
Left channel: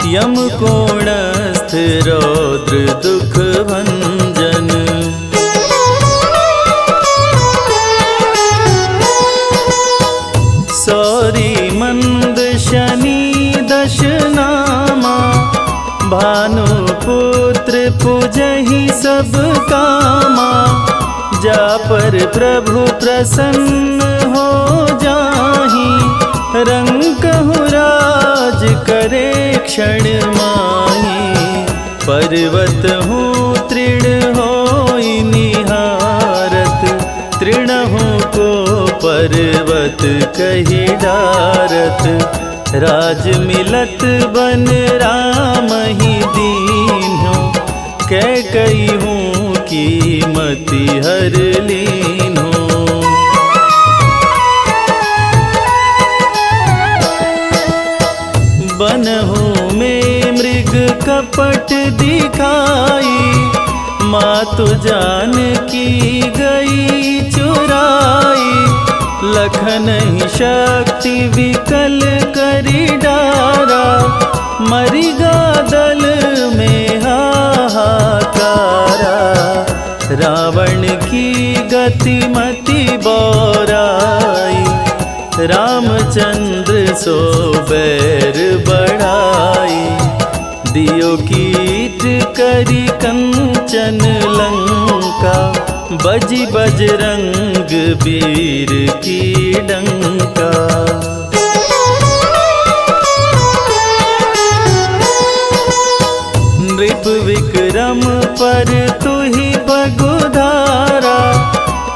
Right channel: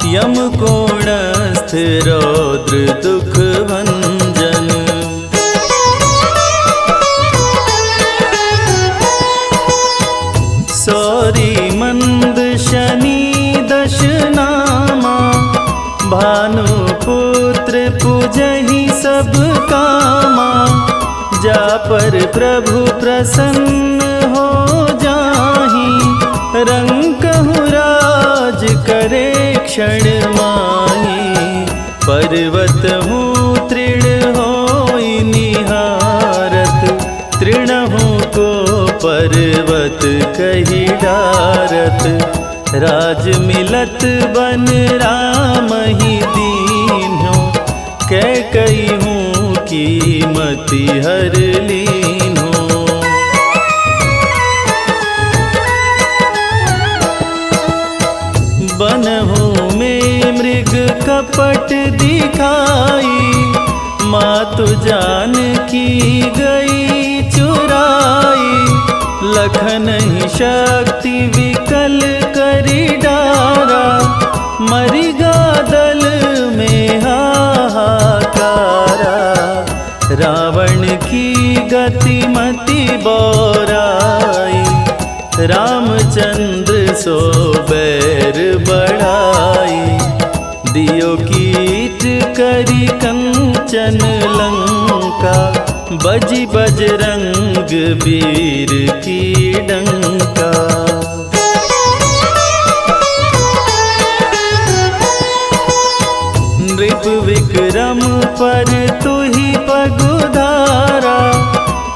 यम कोणस्थ रौद्र दुख भंजन। सौरी मंद शनि दश नामा, भानुपुत्र पूजहि सब कामा। जा पर प्रभु प्रसन्न हो जाहि, रंकहु राज करे क्षण माहि। पर्वत हूँ तृण होई निहारत, तृणहु को पर्वत कहि डारत। राज मिलत बन राम ही दीन्हो, कैकई हूँ कीमति हर लीन्हो। बनहु में मृग कपट दिखाई, मातु जानकी गई चुराई। लखन ही शक्ति विकल करी डारा, मरिगा दल में हाहाकारा। रावण की गति मति बौराई, रामचंद्र सो बैर बढ़ाई। दियो कीट करी कंचन लंका, बजी बजरंग वीर की डंका। नृप विक्रम पर तुहि पगुधारा,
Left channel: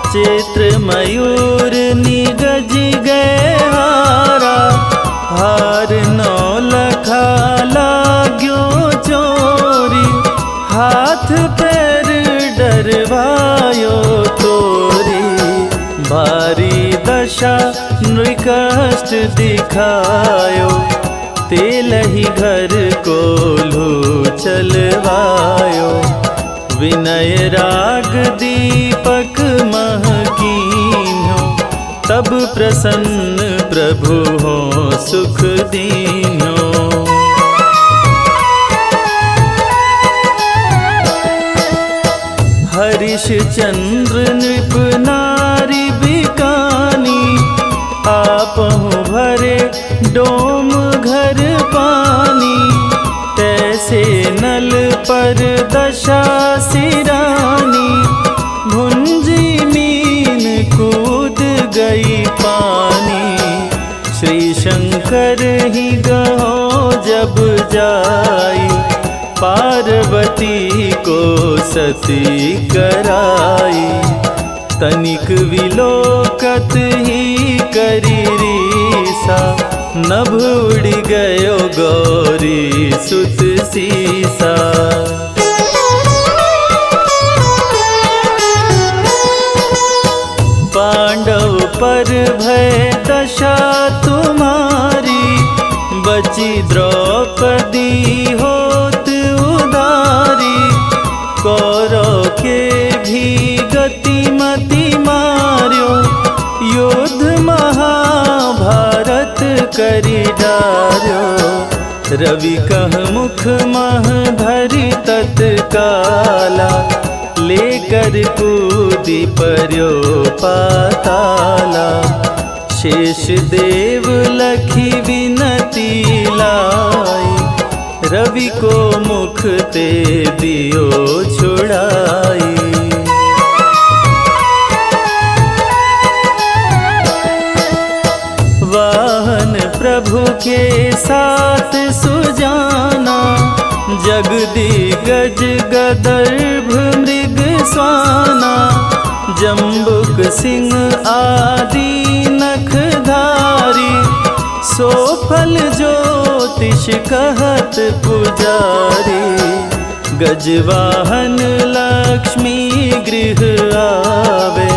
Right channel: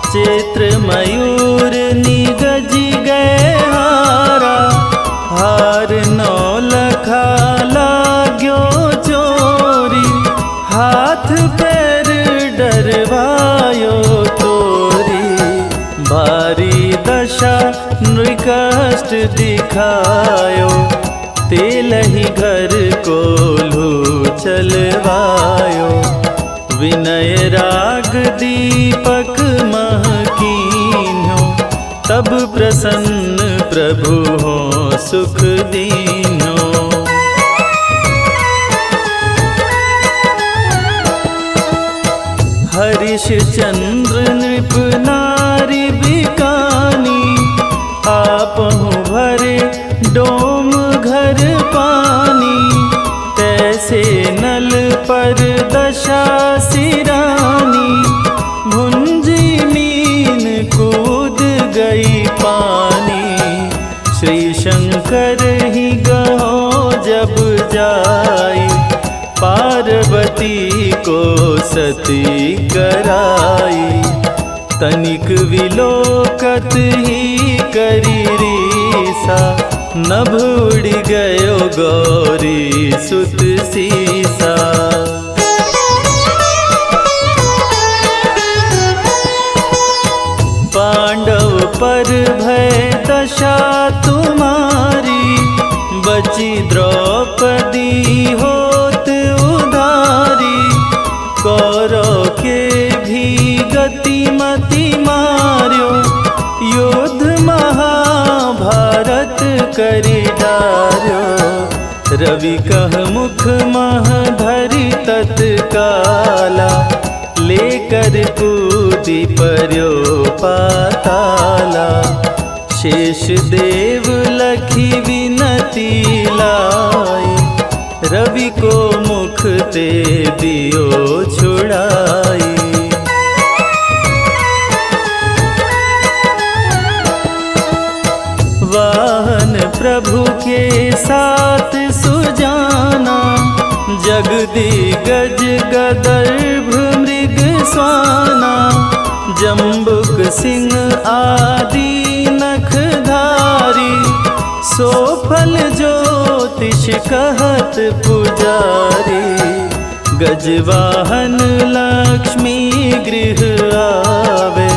चैत्र मयूर निगजी गए हारा। हार नौलखा लाग्यो चोरी, हाथ पैर डरवायो तोरी। भारी दशा नृकष्ट दिखायो, तेलहि घर कोल्हू चलवायो। विनय राग दीपक महकीन्यो, तब प्रसन्न प्रभु हो सुख दीन्यो। हरिश चंद्र नृप नारी बिकानी, आपहु भरे डोम घर पानी। तैसे नल पर दशा सिरानी, भुंजी मीन कूद गई पानी। श्री शंकर ही गहो जब जाई, पार्वती को सती कराई। तनिक विलोकत ही करी रीसा, नभ उड़ गयो गौरी सुत सीसा। पांडव पर भय दशा तुम्हारी, बची द्रौपदी होत उधारी। कौरव के भी गति मति मार्यो, युद्ध महाभारत करी डार्यो। रवि कह मुख मह धरि तत्काला, लेकर कूदी पर्यो पाताला। शेष देव लखी विनती लाई, रवि को मुख ते दियो छुड़ाई। वाहन प्रभु के साथ सुजाना, जगदिगज गदर्भ मृग स्वाना। जम्बुक सिंह आदि नखधारी, सो फल ज्योतिष कहत पुजारी। गजवाहन लक्ष्मी गृह आवे,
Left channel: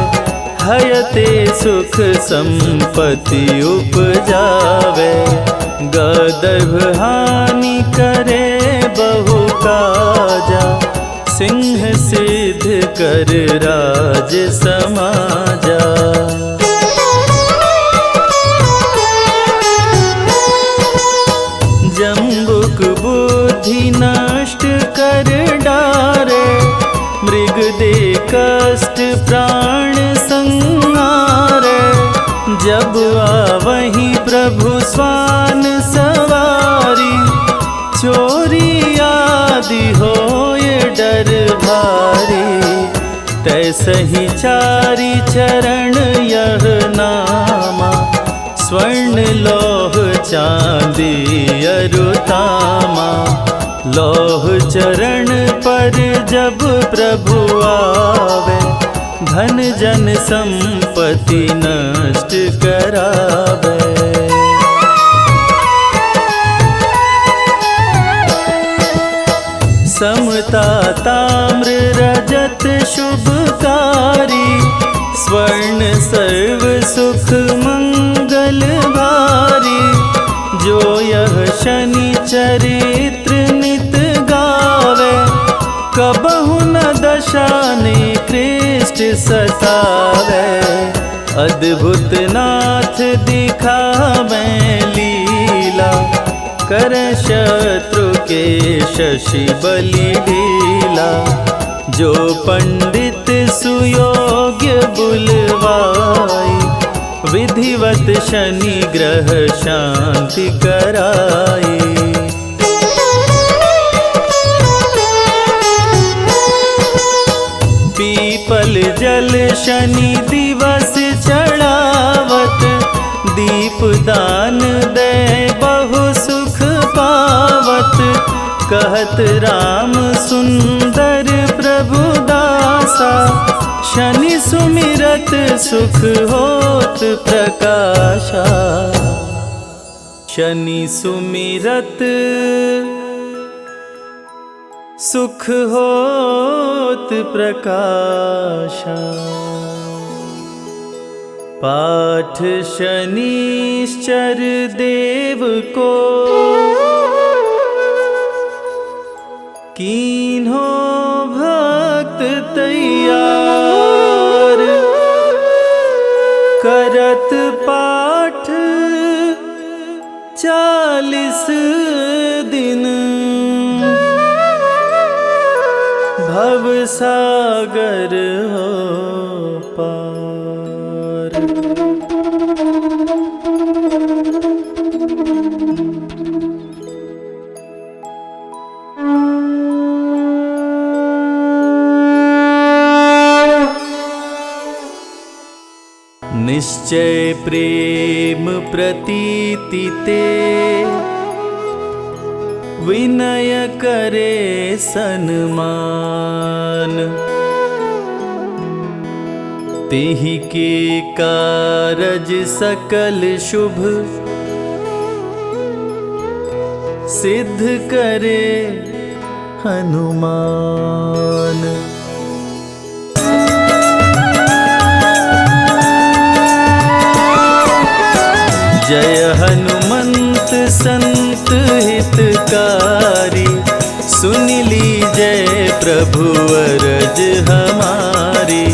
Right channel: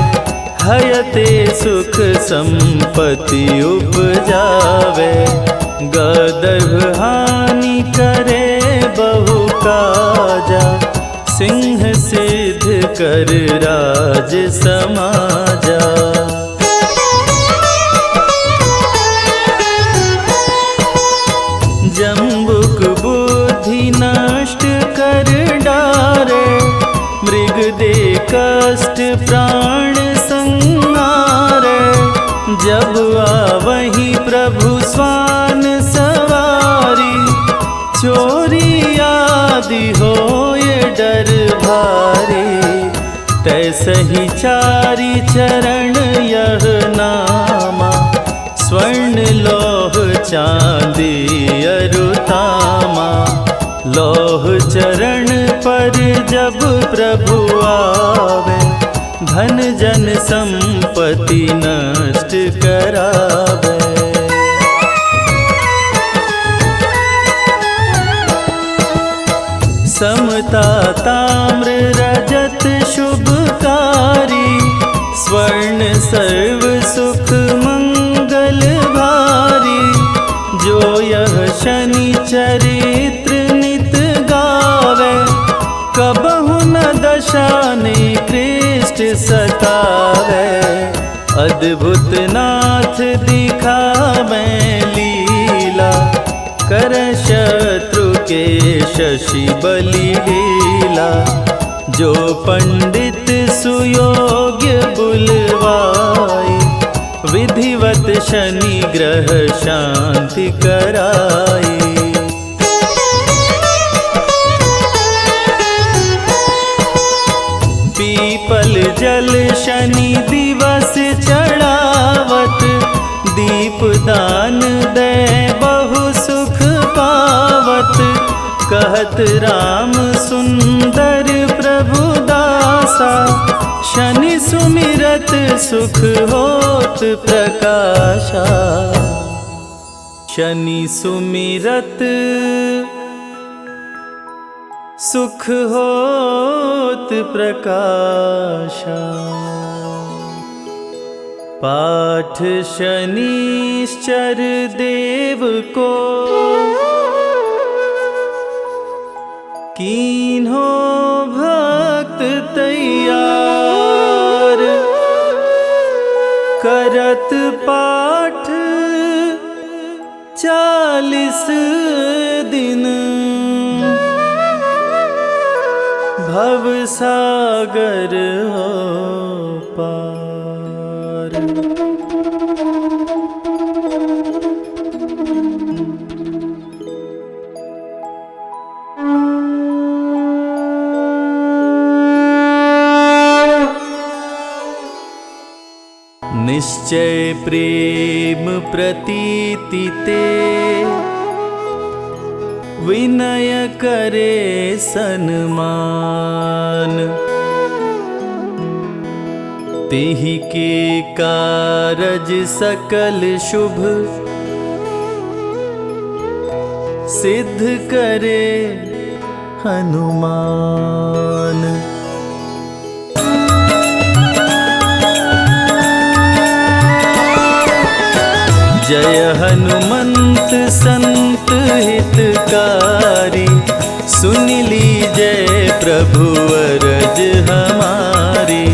हयते सुख संपत्ति उपजावे। गदर्भ हानि करे बहु काजा, सिंह सिद्ध कर राज समाजा। जम्बुक बुद्धि नष्ट कर डारे, मृग दे कष्ट प्राण संहारे। जब आवहीं प्रभु स्वान सवारी, चोरी आदि होए डर भारी। तैसहि चारि चरण यह नामा, स्वर्ण लौह चांदी अरुतामा। लौह चरण पर जब प्रभु आवे, धन जन संपत्ति नष्ट करावे। समता ताम्र रजत शुभकारी, स्वर्ण सर्व सुख मंगल भारी। जो यह शनि चरित्र नित गावे, कबहु न दशा निकृष्ट सतावे। अद्भुत नाथ दिखावे लीला, कर शत्रु के शशि बलि ढीला। जो पंडित सुयोग्य बुलवाई, विधिवत शनि ग्रह शांति कराई। पीपल जल शनि दिवस चढ़ावत, दीप दान दे बहु सुख पावत। कहत राम सुंदर प्रभु दासा, शनि सुमिरत सुख होत प्रकाशा। शनि सुमिरत सुख होत प्रकाशा। पाठ शनिश्चर देव को, कीन्हो भक्त तैयार। करत पाठ 40 दिन, भव सागर हो पार। निश्चय प्रेम प्रतीति ते, विनय करे सन्मान। तेहि के कारज सकल शुभ, सिद्ध करे हनुमान। जय हनुमंत संत हितकारी, सुन लीजय प्रभु अरज हमारी।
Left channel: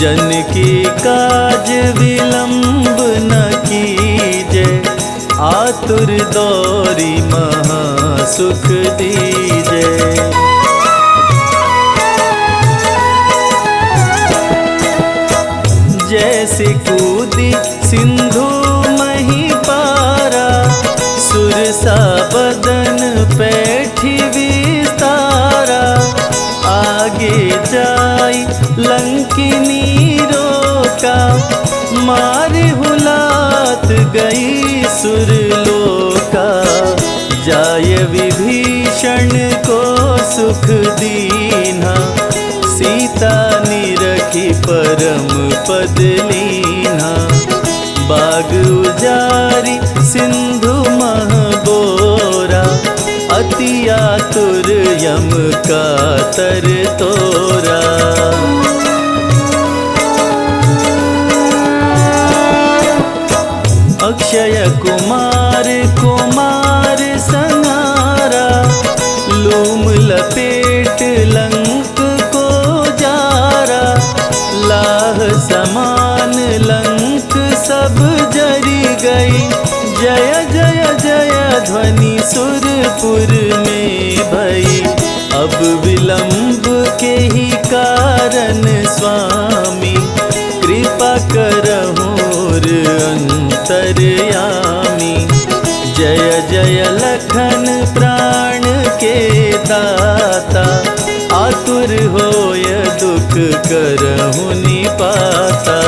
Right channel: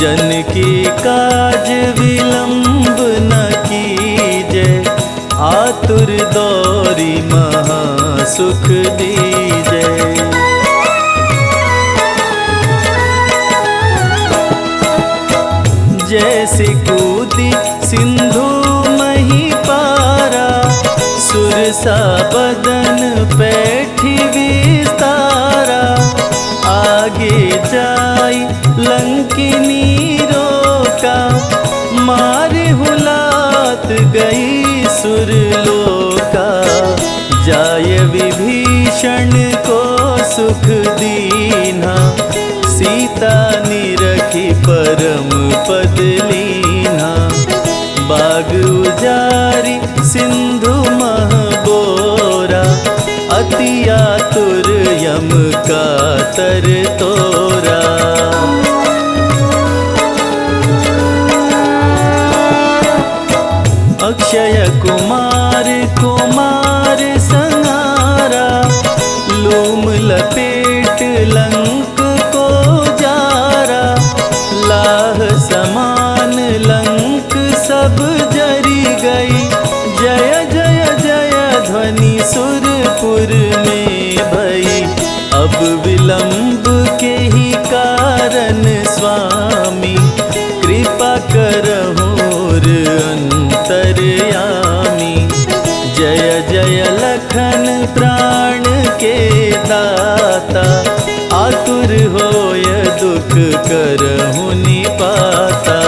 जन की काज विलंब न कीजय, आतुर दौरी महा सुख दीजय। जैसे कूदी सिंधु मही पारा, सुरसा बदन पैठी विस्तारा। आगे जाई लंकिनी रोका, मारे हुलात गई सुरलोका। जाय विभीषण को सुख दीना, सीता निरखी परम पद लीना। बाग उजारी सिंधु मह बोरा, अति आतुर यम का तर तोरा। अक्षय कुमार कुमार संहारा, लूम लपेट लंक को जारा। लाह समान लंक सब जरी गई, जय जय जय ध्वनि सुरपुर में भई। अब विलंब के ही कारण स्वामी, कृपा करहुर अंतर्यामी। जय जय लखन प्राण के दाता, आतुर होय दुख करहु निपाता।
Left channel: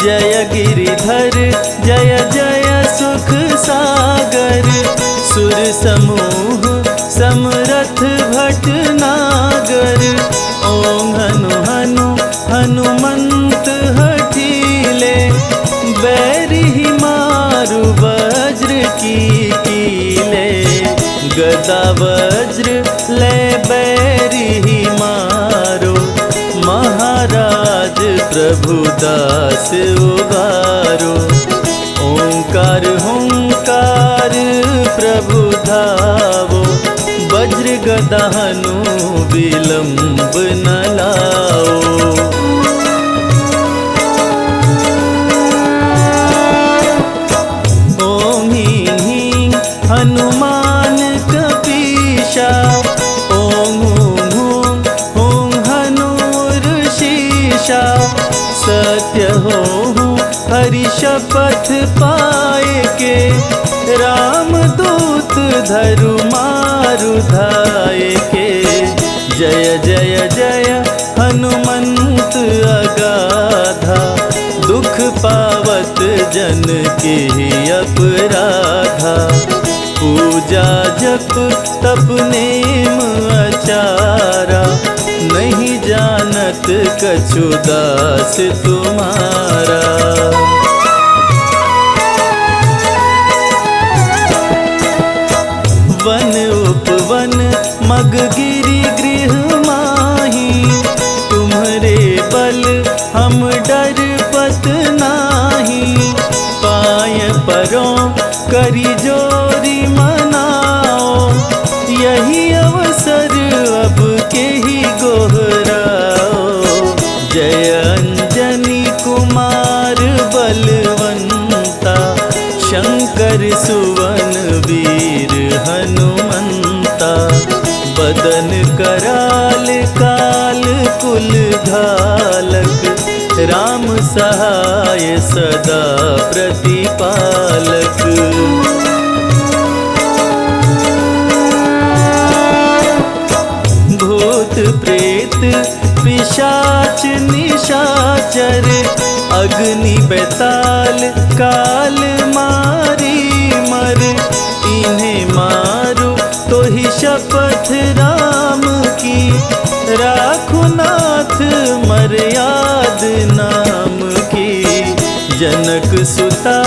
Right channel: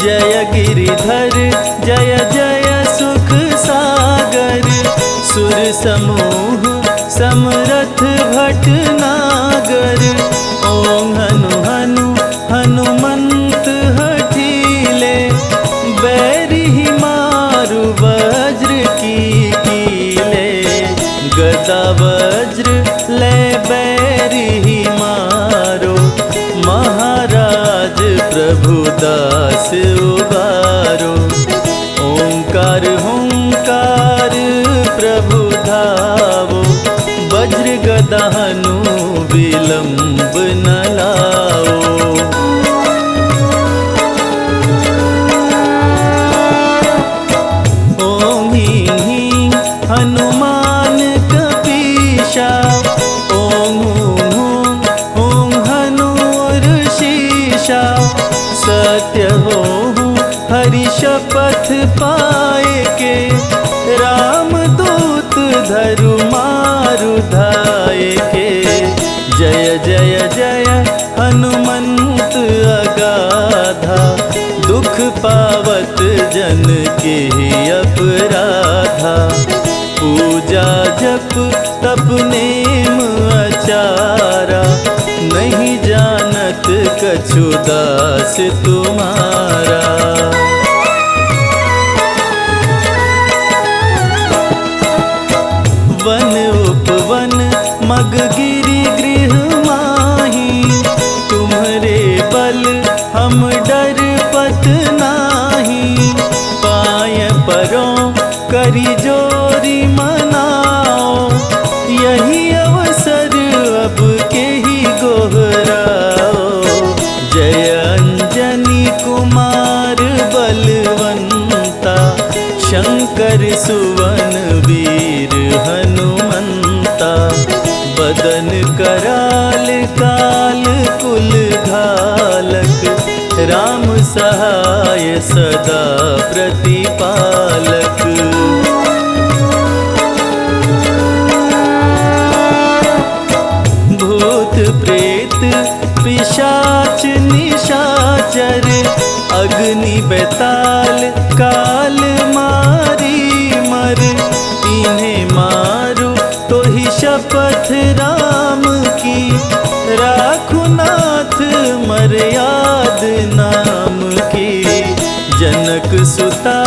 जय गिरिधर जय जय सुख सागर, सुर समूह समरथ भटनागर। ओं हनु हनु हनुमंत हठीले, बैरी मारु वज्र की कीले। गदा वज्र ले बैरी मारो, महाराज प्रभु दास उबारो। ओंकार हुंकार प्रभु धावो, वज्र गदा हनु विलंब न लाओ। ओं ह्रीं ह्रीं हनुमान कपीशा, ओं हूं हूं हूं हनुर्शीशा। सत्य हो हरि शपथ पाए के, राम दूत हाथ धरु मारु धाय के। जय जय जय हनुमंत अगाधा, दुख पावत जन के अपराधा। पूजा जप तप नेम आचारा, नहीं जानत कछु दास तुम्हारा। वन उपवन मग गिरि गृह माही, तुम्हरे बल हम डर पत नाही। पाय परों करी जोरी मनाओ, यही अवसर अब के ही गोहराओ। जय अंजनी कुमार बलवंता, शंकर सुवन वीर हनुमंता। बदन कराल काल कुल घालक, राम सहाय सदा प्रतिपालक। भूत प्रेत पिशाच निशाचर, अग्नि बेताल काल मारी मर। इन्हें मारो तो ही शपथ राम की, राखु नाथ मर्याद नाम की। जनक सुता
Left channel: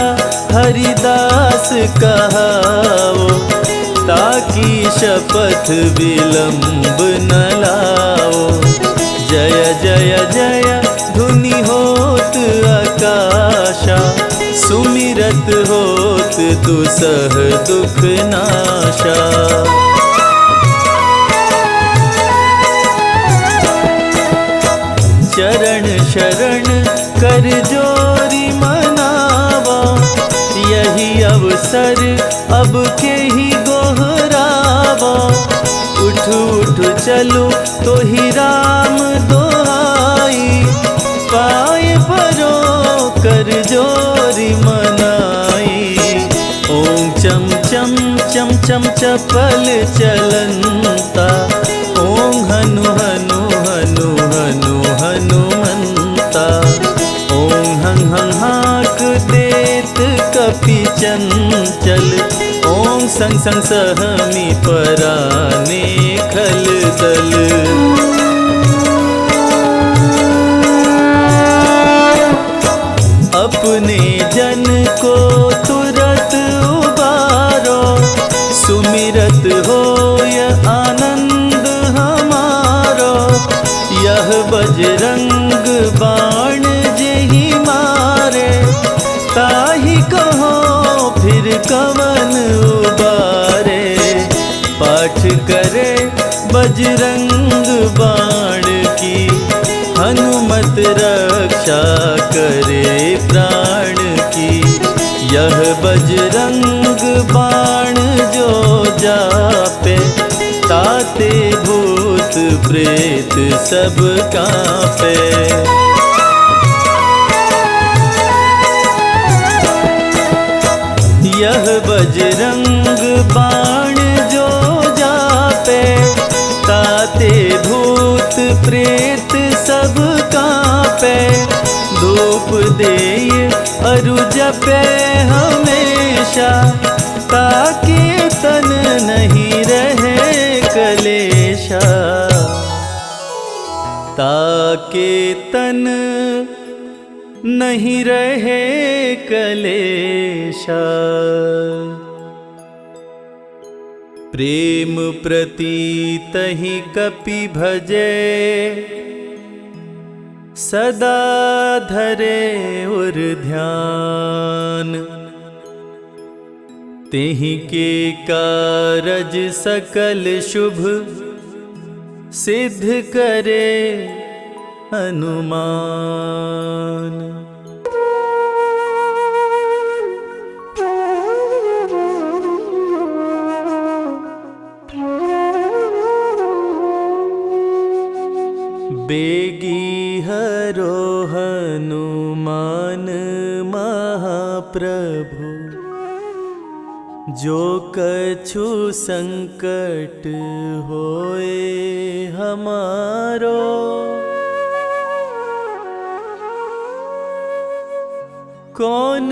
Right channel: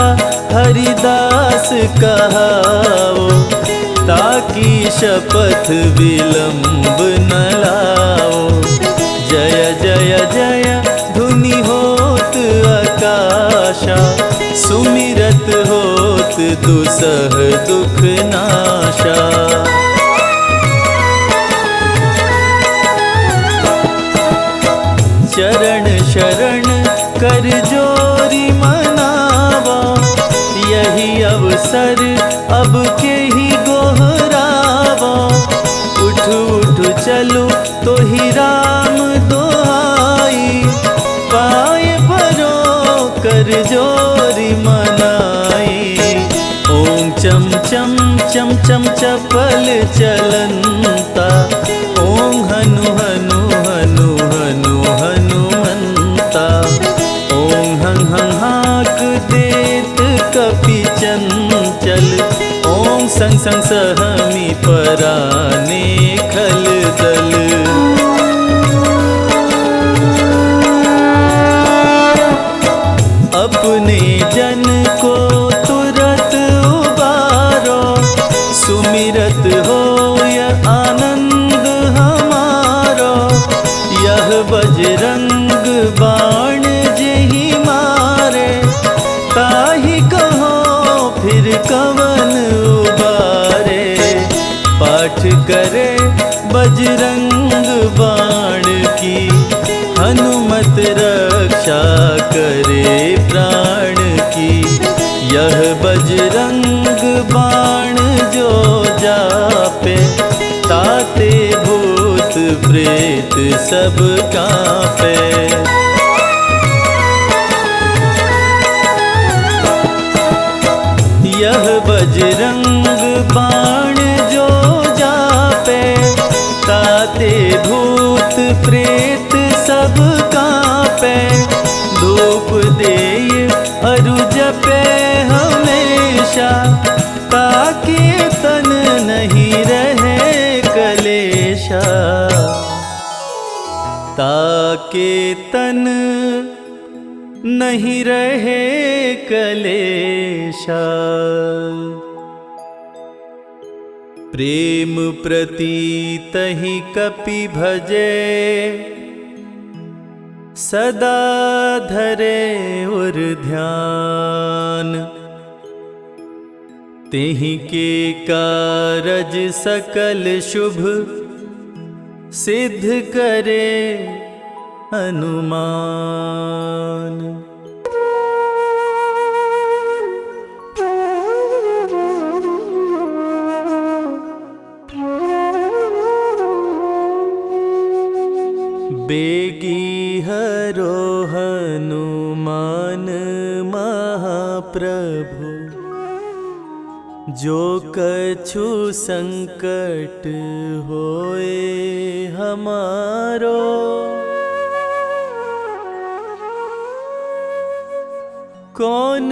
हरिदास कहाओ, ताकि शपथ विलंब न लाओ। जय जय जय धुनि होत आकाशा, सुमिरत होत दुसह दुख नाशा। चरण शरण कर जोरी मनावा, यही अवसर अब के ही गोहरावा। उठ उठ चलो तो ही राम दोहाई, पाए परो कर जोरी मनाई। ओम चम चम चम चम चपल चलंता, ओम हनु हनु हनु हनु हनुमंता। ओम हं हं हाक देत कपि चंचल, ओम संग संग सहमी पराने खल दल। अपने जन को तुरत उबारो, सुमिरत होय आनंद हमारो। यह बजरंग बाण जेहि मारे, ताहि कहो फिर कवन उबारे। पाठ करे बजरंग बाण की, हनुमत रक्षा करे प्राण की। यह बजरंग बाण जो जापे, ताते भूत प्रेत सब कांपे। यह बजरंग बाण जो जापे, ताते भूत प्रेत सब कांपे। धूप देय अरु जपे हमेशा, ताकि तन नहीं रहे कलेशा। ताकि तन नहीं रहे कलेशा। प्रेम प्रतीत ही कपि भजे, सदा धरे उर ध्यान। तेहि के कारज सकल शुभ, सिद्ध करे हनुमान। बेगी हरो हनुमान महाप्रभु, जो कछु संकट होए हमारो, कौन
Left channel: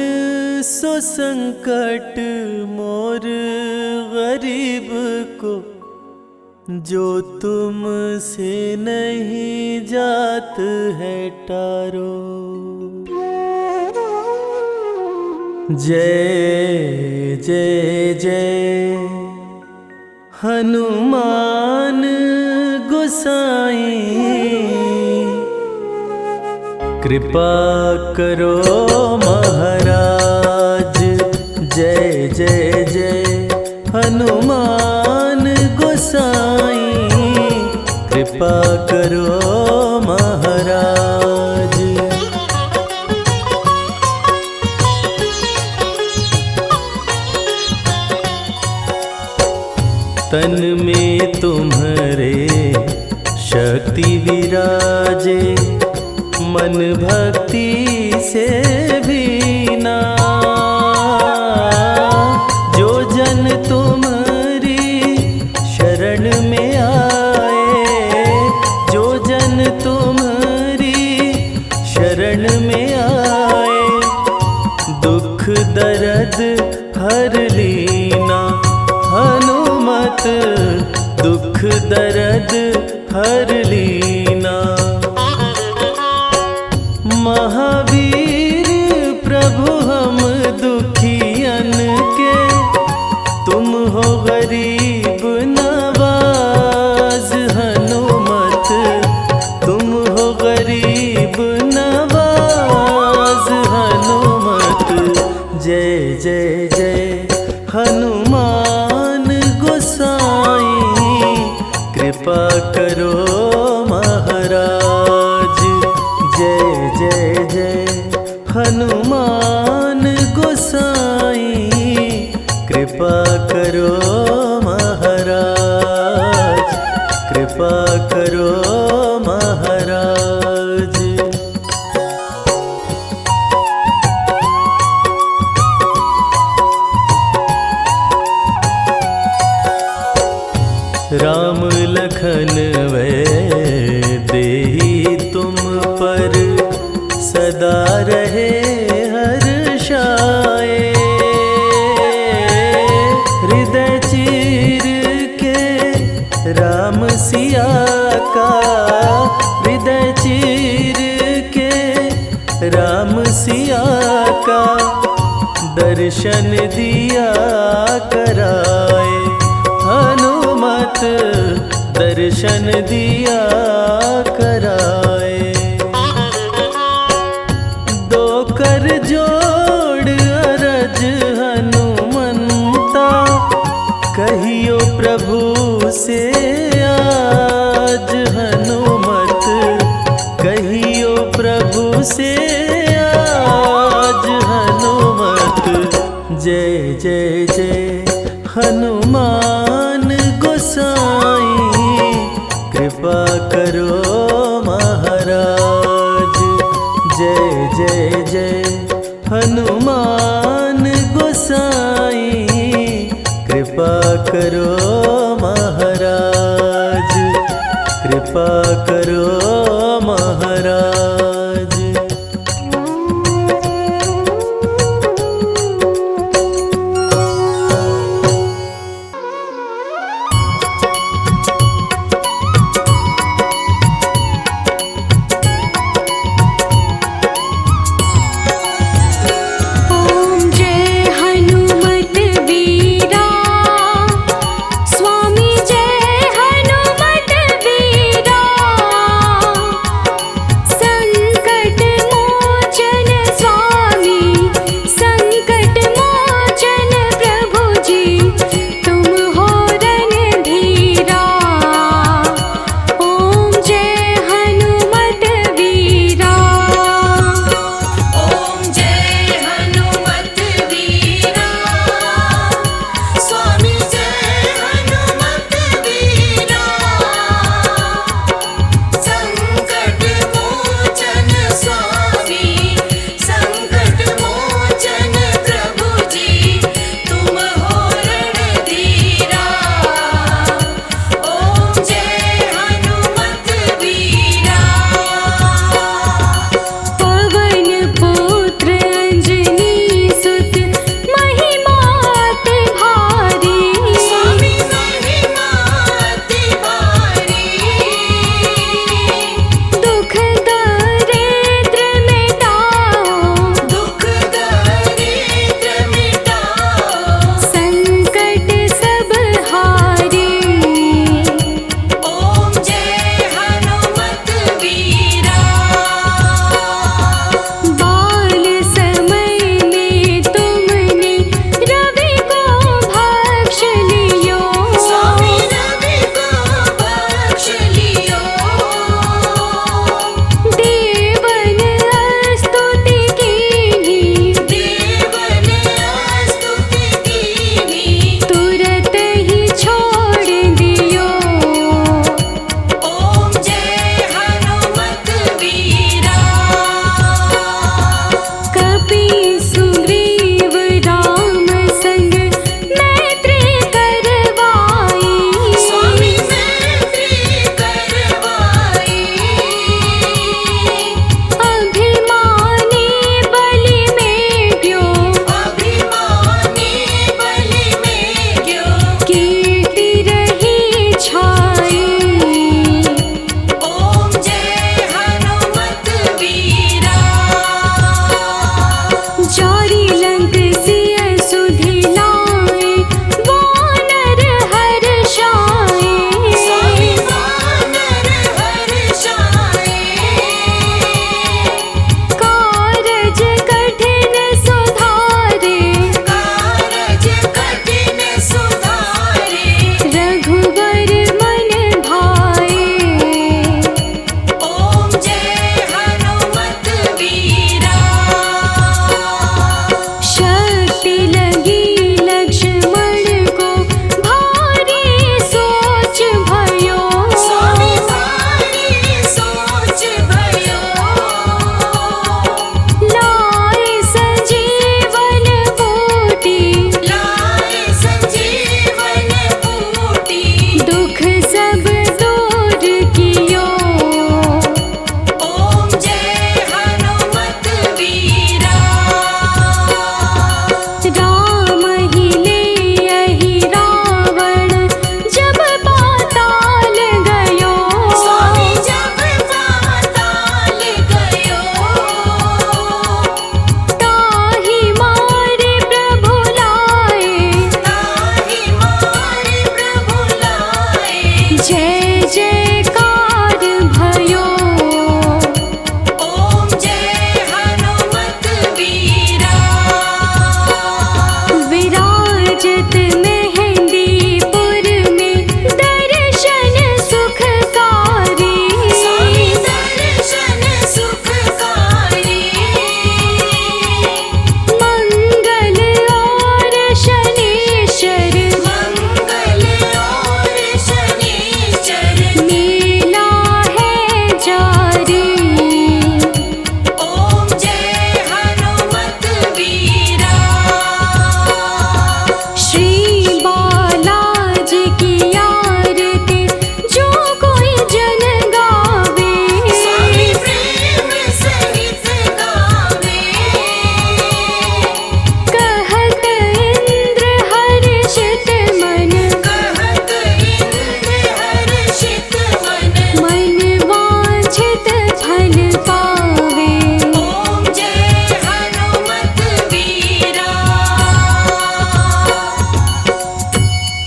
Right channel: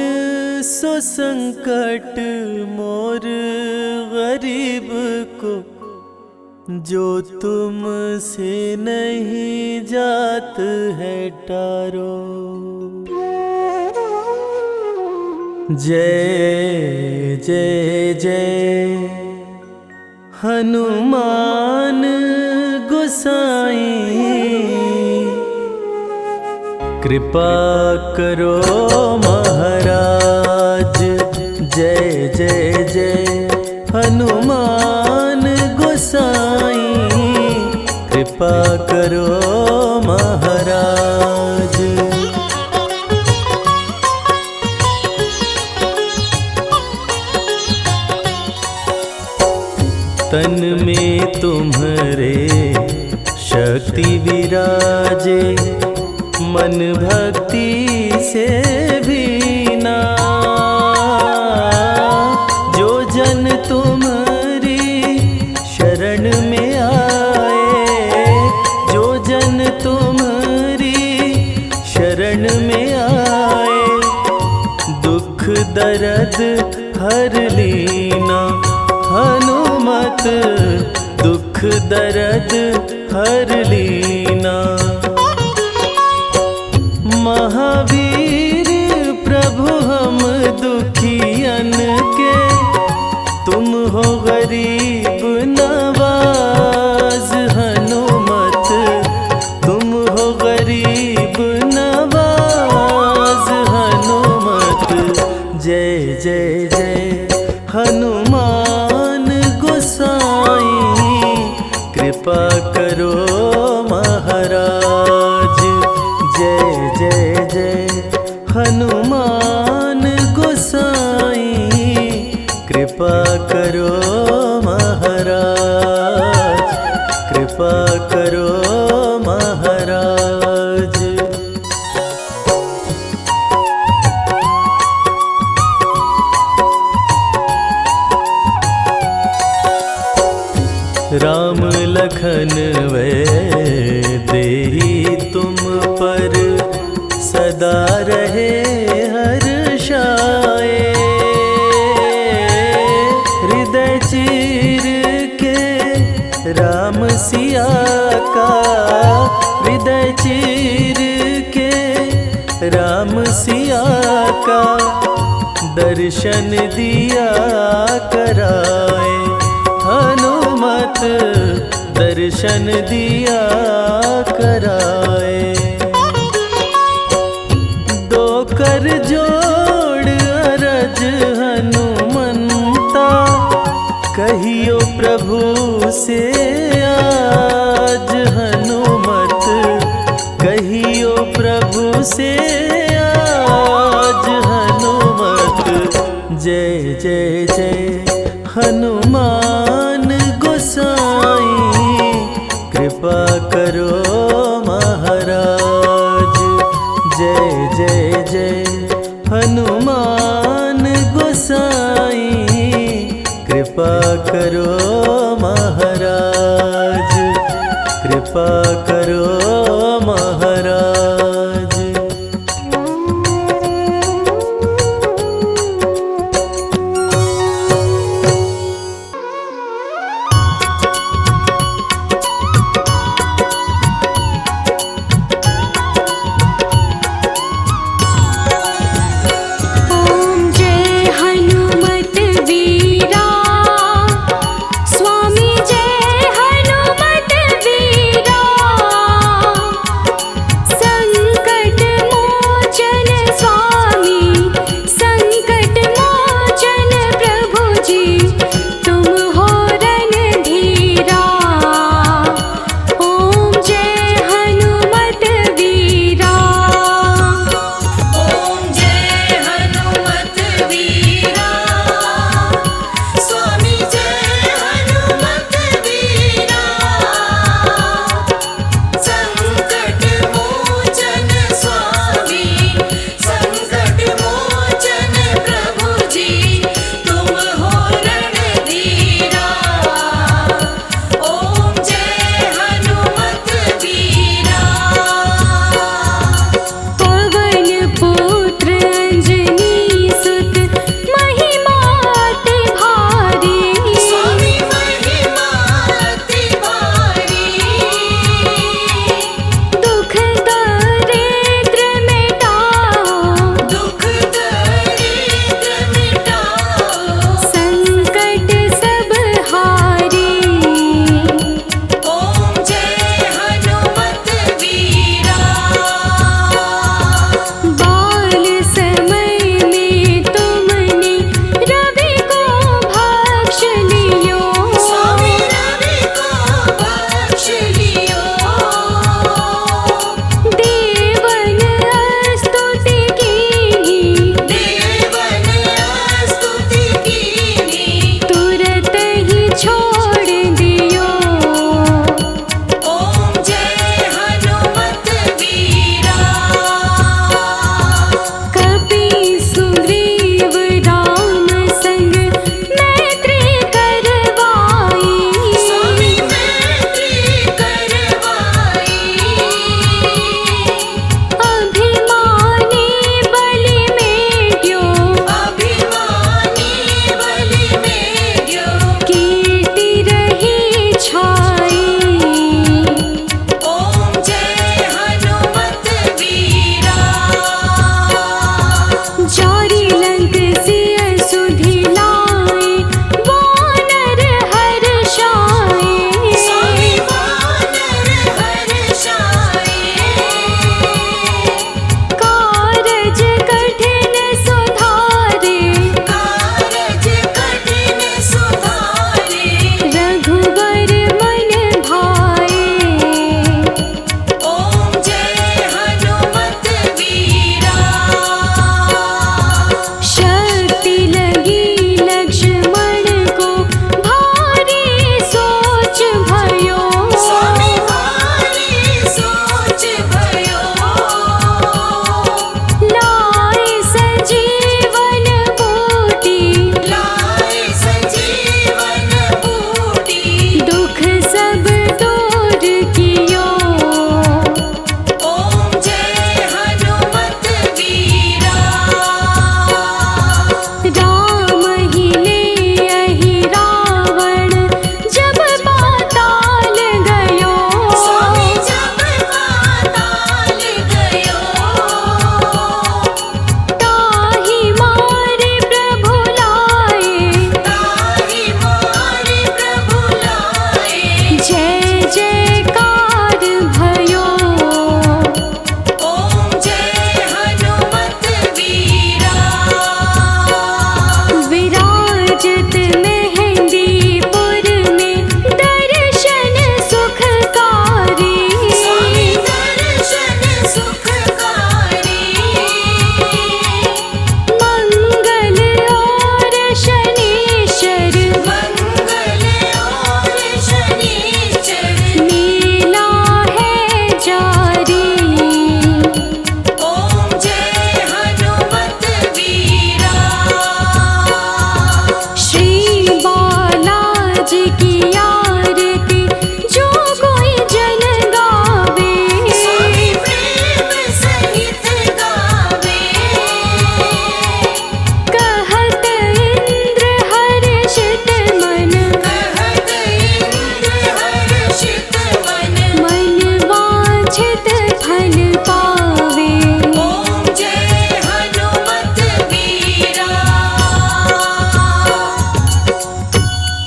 सो संकट मोर गरीब को, जो तुमसे नहीं जात है टारो। जय जय जय हनुमान गोसाई, कृपा करो महाराज। जय जय जय हनुमान गोसाई, कृपा करो महाराज। तन में तुम्हारे शक्ति विराजे, मन भक्ति से भीना। जो जन तुम्हारी शरण में आए, जो जन तुम्हारी शरण में आए, दुख दर्द हर लीना। हनुमत दुख दर्द हर लीना। महावीर प्रभु हम दुखियन के, तुम हो गरीब नवाज। हनुमत तुम हो गरीब नवाज। हनुमत जय जय जय हनुमान गोसाई, कृपा करो महाराज। जय जय जय हनुमान गोसाई, कृपा करो महाराज। कृपा करो महाराज। राम लखन वै देहि तुम पर, सदा रहे हर्षाए। हृदय चीर के राम सिया का, हृदय चीर के राम सिया का, दर्शन दिया कराए। हनुमत दर्शन दिया कराए। दो कर जोड़ अरज हनुमंता, कहियो प्रभु से आज। हनुमत कहियो प्रभु से आज। हनुमत जय जय जय हनुमान गोसाई, कृपा करो महाराज। जय जय जय हनुमान गोसाई, कृपा करो महाराज। कृपा करो महाराज।